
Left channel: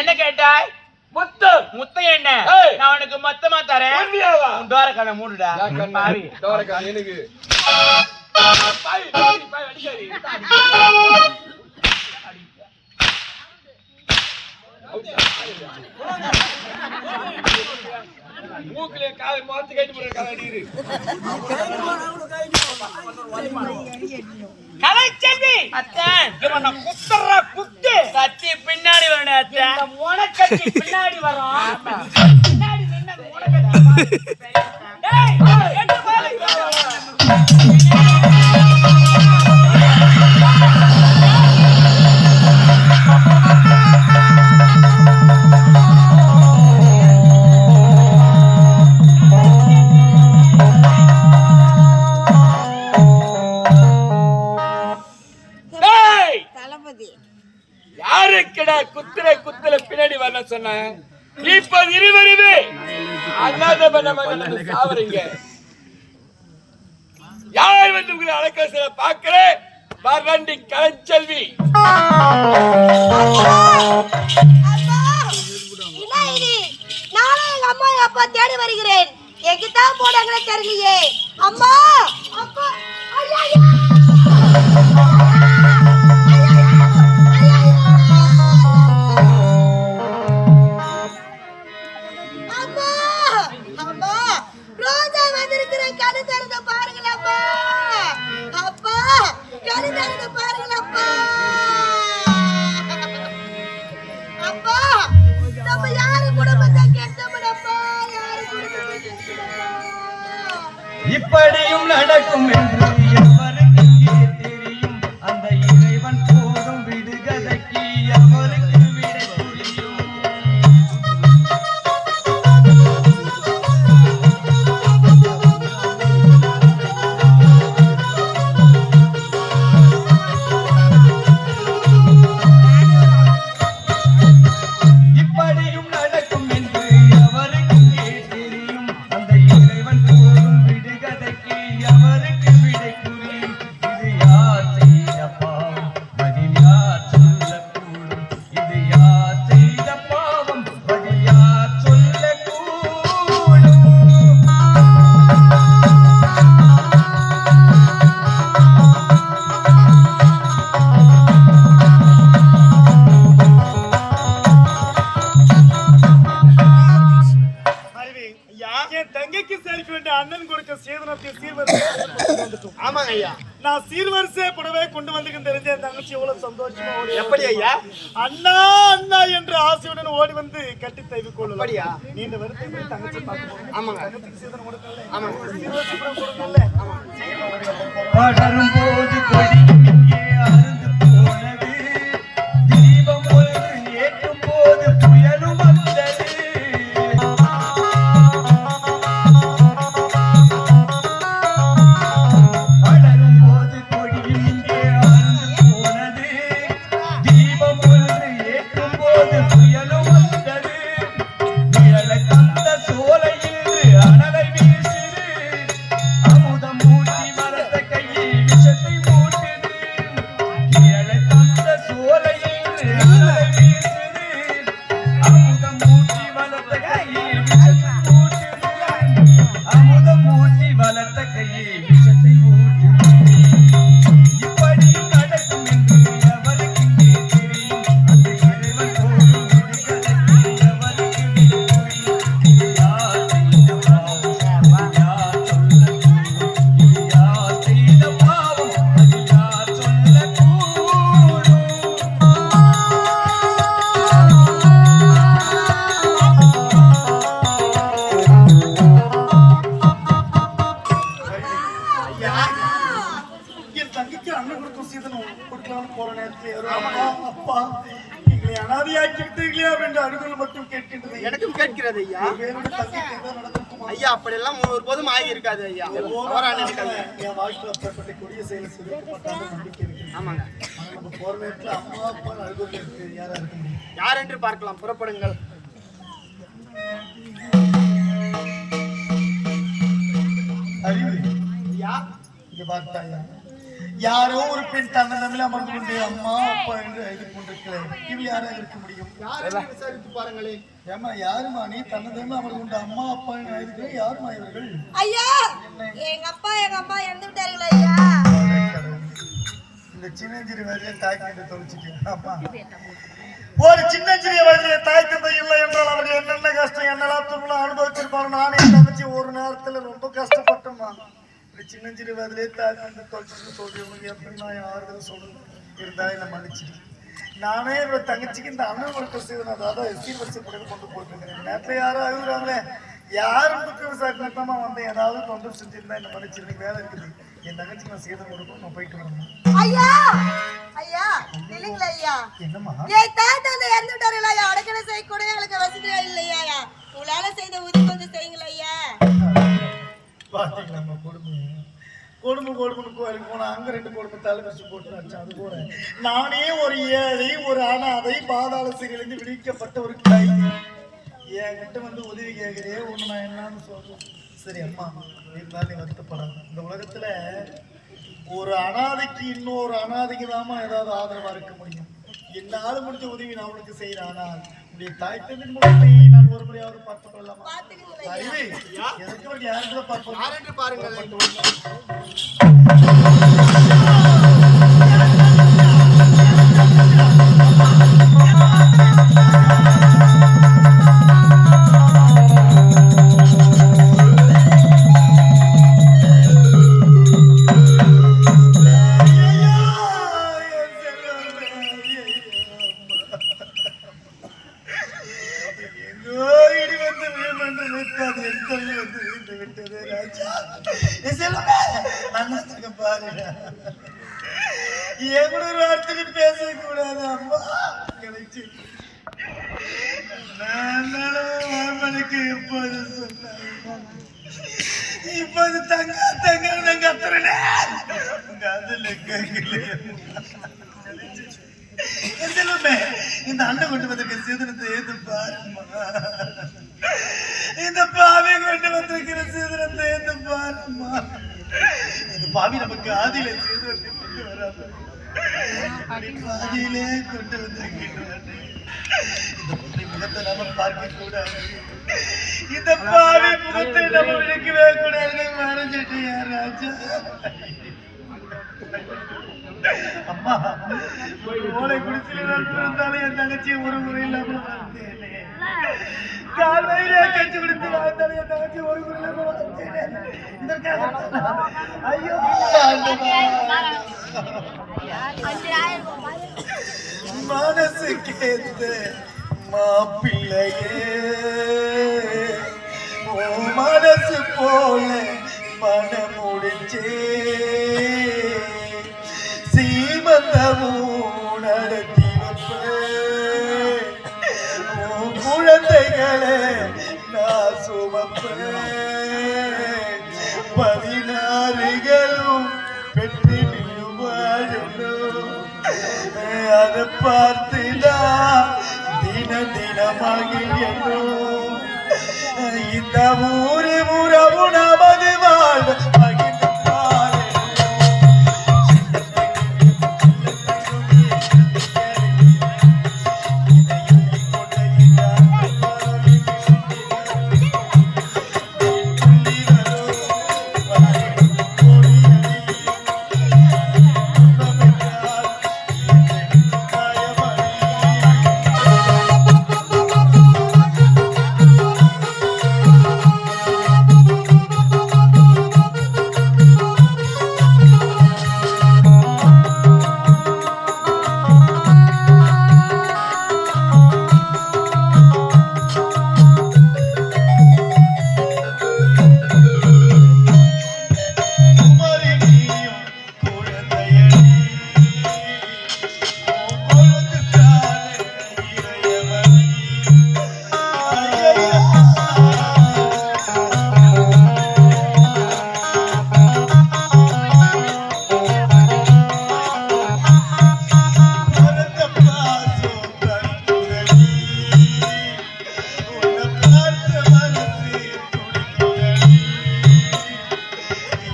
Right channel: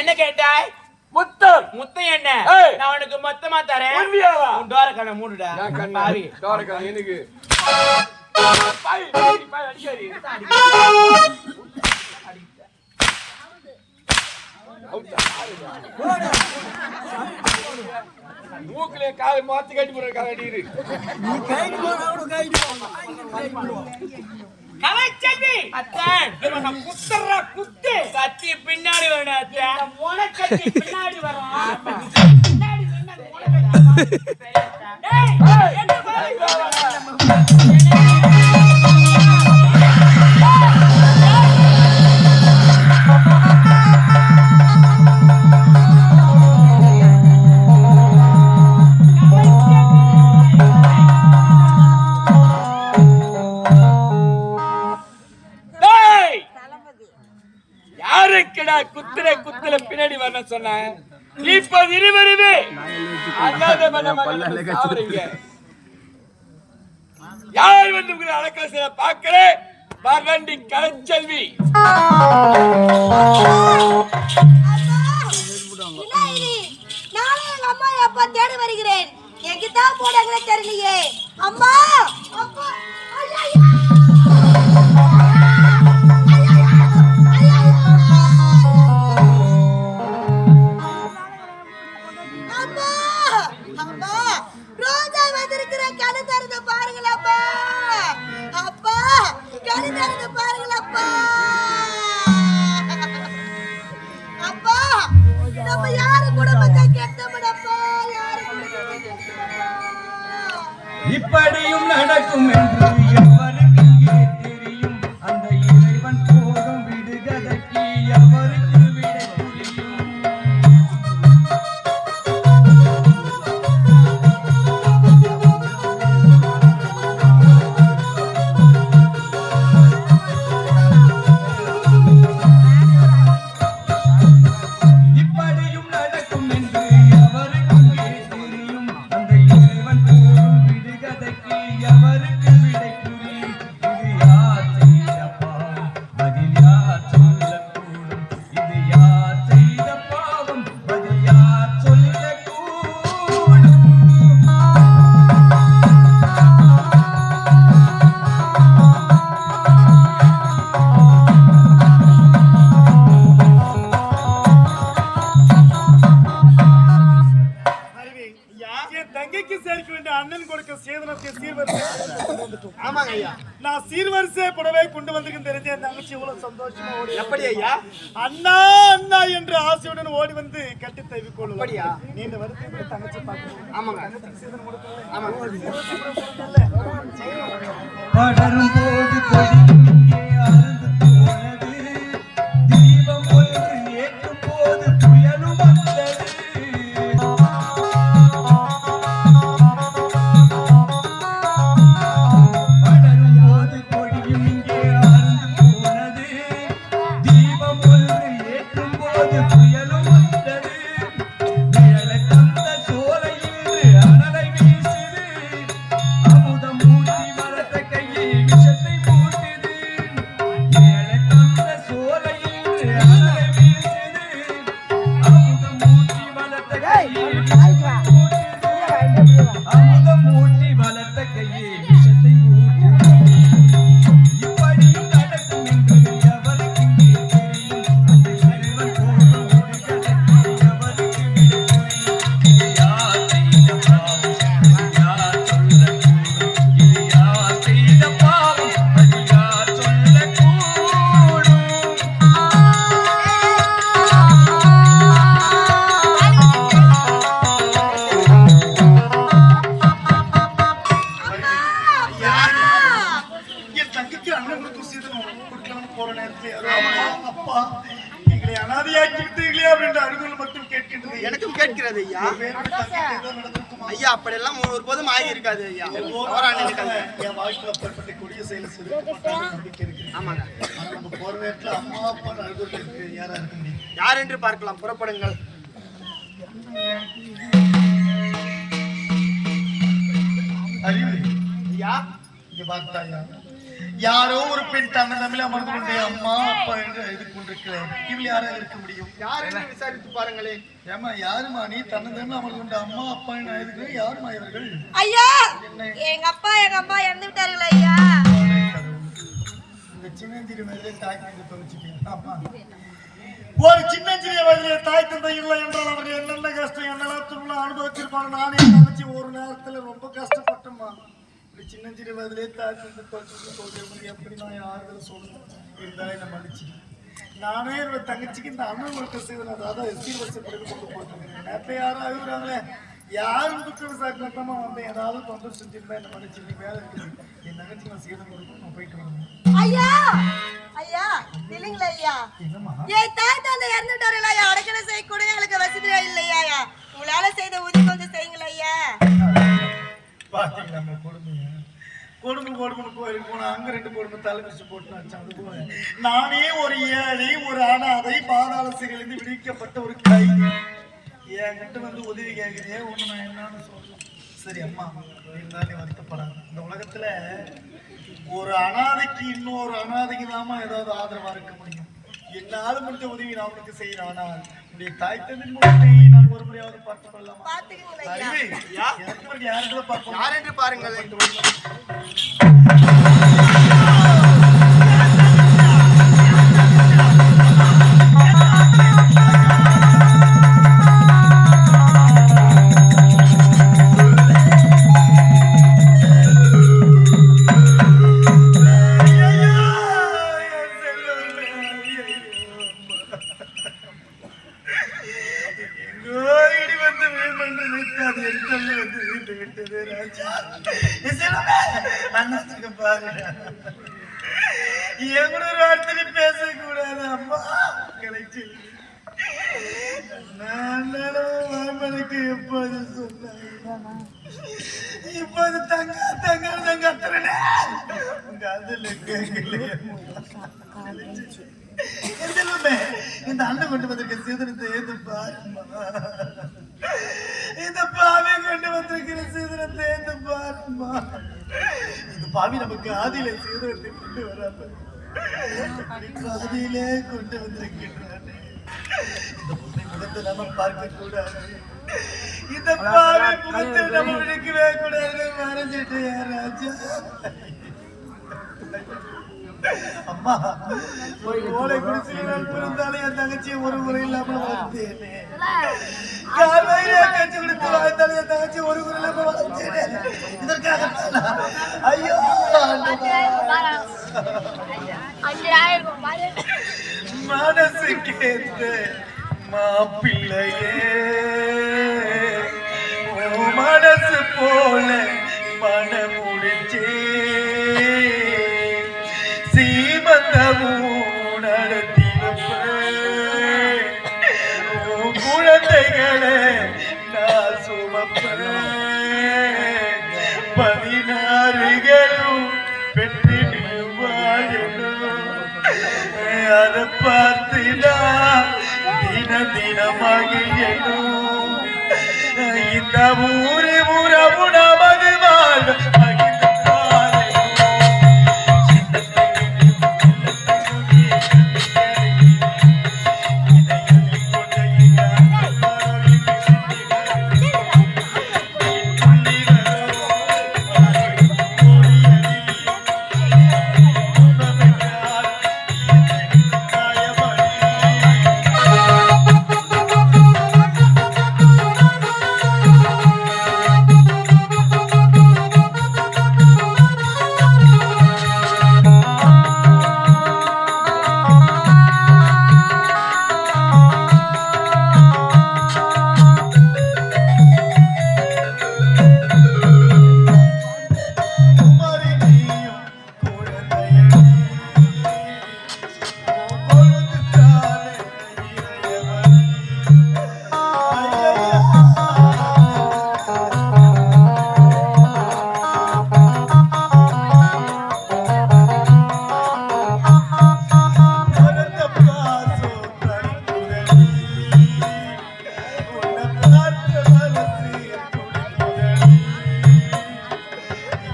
என்ன கேட்டாய்? முத்தம். முத்தம் என்ன? ஏய். நான் உனக்கு மொத்தமா தரேன். உண்மையாவா? உன் டோர கடை மூடுடா. பாவி. எனக்கு பாய் அடிக்காது. மூக்கிலே காலை மாத்து கட்டி போற காலை அடிக்குது. கலைச்செல்வி அத்தான் இவனை குத்துறா குத்து. கத்தி பின்னாடி வரணும் அத்தான். இந்த மோன கத்தி பின்னாடி வரும். ஆமா. பின்னாடி நின்னா மோன கத்தி. டேய் என்ன பாரு. யாருக்குடா குத்துற பின்னாடி வர சொன்ன? இப்ப இருவருமே அண்ணாத பண்ண மகன் சாவறீங்க. யார் வந்து உங்களை அடக்க பாக்குறேன். வரண்டி கலைச்செல்வி. அப்பா தேடி வருகிறேன். எங்கிட்ட போனாங்களே தெரியலையே. அம்மா அப்பா ஐயா இப்படியும் நடக்கும் என்று எவருக்கு தெரியும்? அந்த இறைவன் போடும் விடுகதைக்கு அவருக்கு விடை புரியும். இப்படியும் நடக்கும் என்று எவருக்கு தெரியும்? அந்த இறைவன் போடும் விடுகதைக்கு அவருக்கு விடை புரியும். இது யார் செய்த பாவம்? பதில் யார் சொல்லக்கூடும்? இது யார் செய்த பாவம்? பதில் யார் சொல்லக்கூடும்? அறிவி, என் தங்கைக்கு சேர்க்க வேண்டிய அண்ணன் கொடுக்க சேதனத்தை சீர்வரிசை கொண்டு வந்துட்டோம். ஆமாங்க ஐயா. நான் சீர்வரிசை புடவை கொண்டு வந்து தெரிஞ்ச என் தங்கச்சி எவ்வளவு சந்தோஷமா ஓடி எப்படி ஐயா? அண்ணா அண்ணா என்று ஆசையுடன் ஓடி வந்து கட்டி தழுவி கொள்ளலாம். அப்படியா? நீண்ட வருத்தம் எப்படி தங்கச்சி பார்க்க போறோம்? ஆமாங்க. தங்கச்சிக்கு சேதனம் கொடுக்கல. ஆமாங்க. சீர்வரிசை புடவை கொடுக்கல. படரும் போது கொடி இங்கே அறுந்து போனது. தீபம் ஒன்று ஏற்றும் போது புயலும் வந்தது. படரும் போது கொடியும் இங்கே அறுந்து போனது. தீபம் ஒன்று ஏற்றும் போது புயலும் வந்தது. நிழலை தந்த சோலையில் அனலை வீசுது. அமுதம் மூட்டி வளர்த்த கையில் விஷத்தை மூட்டுது. நிழலை தந்த சோலையில் அனலை வீசுது. அமுதம் மூட்டி வளர்த்த கையில் விஷத்தை மூட்டுது. அமுதம் மூட்டி வளர்த்த கையில் விஷத்தை மூட்டுது. இப்படியும் நடக்கும் என்று எவருக்கு தெரியும்? அந்த இறைவன் போடும் விடுகதைக்கு எவருக்கு விடை புரியும்? இது யார் செய்த பாவம்? அது யார் சொல்லக்கூடும்? இது யார் செய்த பாவம்? அது யார் சொல்லக்கூடும்? என் தங்கைக்கு அண்ணன் கொடுக்கும் சீதனம் கொடுக்கலாம்னு போற நேரத்தில் யாரோ அப்பா எங்களை அனாதையாக்கி விட்டீங்களே அப்படின்ற அருகில் மட்டும் கேட்கின்றது. எனக்கும் கேட்கிறது ஐயா. வேறோட தங்கைக்கு ஏதோ நடந்திருக்குமா? ஐயா அப்படியெல்லாம் ஒருபோதும் ஆகி இருக்காது ஐயா. தவறா நினைக்காது. என் வாழ்க்கையில் அப்பேற்பட்ட கொடிய செயலை செய்திருக்க மாட்டாங்க நம்பிக்கை இருக்கு. ஆமாங்க. ஆனா நம்ம போற நேரத்துல அம்மா அப்பா அருகில் இருக்கு யாரா இருக்க முடியும்? யார் என்று பார்க்கலாம். புறப்படுங்கள். அறிவு இங்க பார்த்தாயா, யாரோ ஒரு பெண் தன்னை தமிழ் அமர்ந்து கொண்டு அம்மா அப்பா என்று எழுதி கொண்டிருக்கிறேன். இவள் யாராக இருக்க முடியும்? விசாரித்து பாருங்களே. ஏமா யாருமா நீ தன்னை தமிழ் அமர்ந்து கொண்டு அம்மா அப்பா என்று எழுதுகிறேன்? யாருமா இவர்கள்? ஐயா, எங்க அப்பா எங்க அம்மா இறந்து விட்டார்கள் ஐயா. இந்த சின்னஞ்சிறு வயதிலே தாய் தந்தை தொலைச்சிட்டேன். அம்மா, ஒரு சின்னஞ்சிறிய வயதிலே தாய் தந்தை இல்லை என்றால் அவர் என்னென்ன கஷ்டம் என்னெல்லாம் துன்பம் அனுபவிச்சிருப்பாரு. நானே தங்கச்சி ஒரு நேரத்துல ரொம்ப கஷ்டப்பட்டோம்மா. சின்னஞ்சிறு வயதிலே தாய் தந்தை தொலைச்சிட்டு சொல்றவங்க எப்படி நான் ஆறுதல் சொல்லணும்? இருந்தாலும் என்ன மன்னிச்சிட்டேன். நானே என்னோட தங்கச்சிக்கு இந்த அனுபவத்தை செய்தேன். அதாவது சீர்வரிசைப்படி கொண்டு போயிட்டு நேரத்துல யாரும் அழுகுறாங்களே, யாரும் துக்க விசாரிக்கமா வந்தேன். ஏதாவது தொந்தரவு செஞ்சிருந்தா என்ன மன்னிச்சு. வேலை இருக்குது, என் தங்கச்சிக்கு நான் சேதம் கொடுக்கணும். நான் போயிட்டு வரேன். ஐயா ஐயா இல்லைங்களா ஐயா? என்னம்மா? என் தாய் தந்தை இறந்து விட்டார்களா ஐயா? அடக்கலை செய்ய கூட எங்களுக்கு வசதியா இல்லையா? உங்களால செய்த உதவி கொஞ்சம் செய்யுங்களா ஐயா? பாத்தீங்களா நம்ம கொடுமைய? கொடுமை கொடுமைன்னு கோயிலுக்கு போனா அங்க 2 கொடுமை தலைமிச்சு போட்டு வச்சேன். அது போல நானே ஒரு ஏழை, ஒரு அனாதை, பாதாள சிறையிலிருந்து விடுவிக்கப்பட்ட ஒரு கை. என்கிட்ட வந்து உதவி கேட்கிறே, ஒண்ணு நான் என்னன்னு சொல்றேன். சரி அம்மா, இருந்தாலும் வருத்தப்படாது. இந்த உலகத்துல ஒரு அனாதைக்கு இன்னொரு அனாதைக்கு தாமா ஏதாவது ஆதரவா இருக்க முடியும். என்னால முடிஞ்ச உதவி நான் உனக்கு செய்யறேன். ஆனால் உடைய தாய் தந்தையின் முகத்தை நான் ஒரு முறையாவது பார்த்துக் கொள்ளலாமா? எனக்கு ஒரு யாருக்கு பார்ப்போம். யார் என்று பாருங்கள். பேசக்கூடாது அம்மா, கிடைச்சு மாமனுக்கு எப்போது சொன்னாங்க. இப்போது தங்க தங்க கத்துறேன். உங்க அதுல கேட்கலையே இந்த அண்ணன் கொண்டு வந்திருக்க சீதனத்தை ஏது பாருமா. இந்த பாவி கொண்டு வந்திருக்கிற சீதனத்தை ஏது பாருமா. இந்த பாவி நமக்கு ஆதியில சீதனத்தை கொண்டு வராது, பாதியிலே கொண்டு வந்திருக்கின்றானே. இந்த பொண்ணை முகத்தை நாம பார்க்க கூடாது. இந்த பாவி முகத்தை நம்ம விளக்கவே கூடாது. மறைஞ்சிட்டு ராஜா. அம்மா, ஒரு ஓலை குடிசையில் நான் பிறந்தாலும் என் தங்கச்சியை ஒரு முறை இல்லாம வளர்த்தேனே. காலையிலே கஞ்சி குடித்து வாழ்ந்தாலும் என் தங்கச்சி ஒரு முறை இல்லாம வளர்த்தேனே. இதற்காக ஐயோ மனசு கேத்த மாப்பிள்ளையே, ஓ மனசு போல மனம் முடிச்சே சீமந்தமும் நடத்தி வைப்ப. குழந்தைகளை நான் சுமப்பேன். 16 பெற்று வாழணும். அதை பார்த்துதான் தினமகிழணும். இந்த ஊரு உறவு நமது வாழ்வு உன்னை பார்த்த மனசு துடிக்குதடி.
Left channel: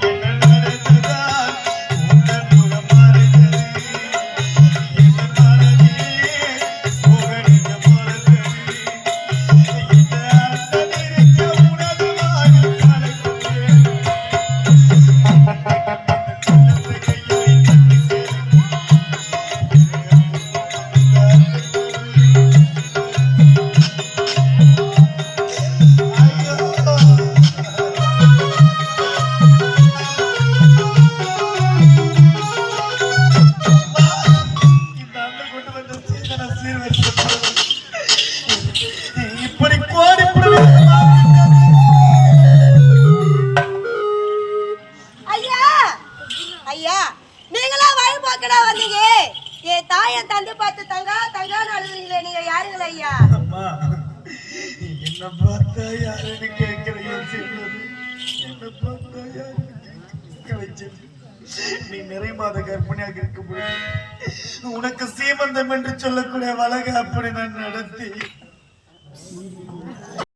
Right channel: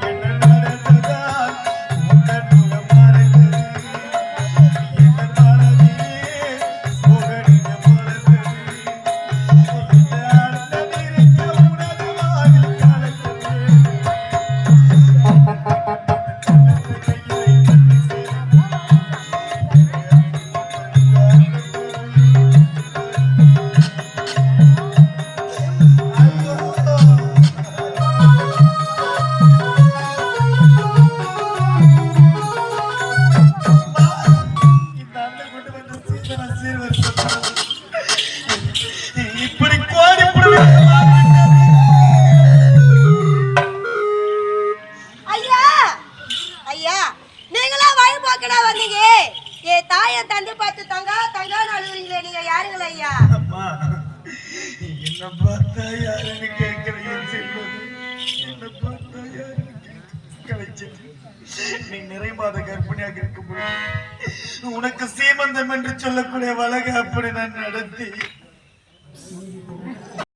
என்ன நடந்ததால் உங்கள் முகம் மறைந்தது. என் மனதிலே புகழின மலர்ந்தது. இந்த அர்த்தம் இருக்க உனது வானில் கலக்குது. இப்படி கோடி ஐயா ஐயா நீங்களா வழி பார்க்கடா வந்தீங்க என் தாயை தந்து பார்த்து தங்கான்னு அழுகுறீங்களே நீங்க யாருங்களா ஐயா? அம்மா, என்ன பார்த்தா யாருன்னு கேட்கிறீங்க சொல்வது? என்ன பார்த்தா யாருன்னு கலைச்சல். நீ நிறை மாத கர்ப்பிணியாக இருக்கும்போது உனக்கு சீமந்தம் என்று சொல்லக்கூடிய வழக்கு அப்படி நான் நடத்தி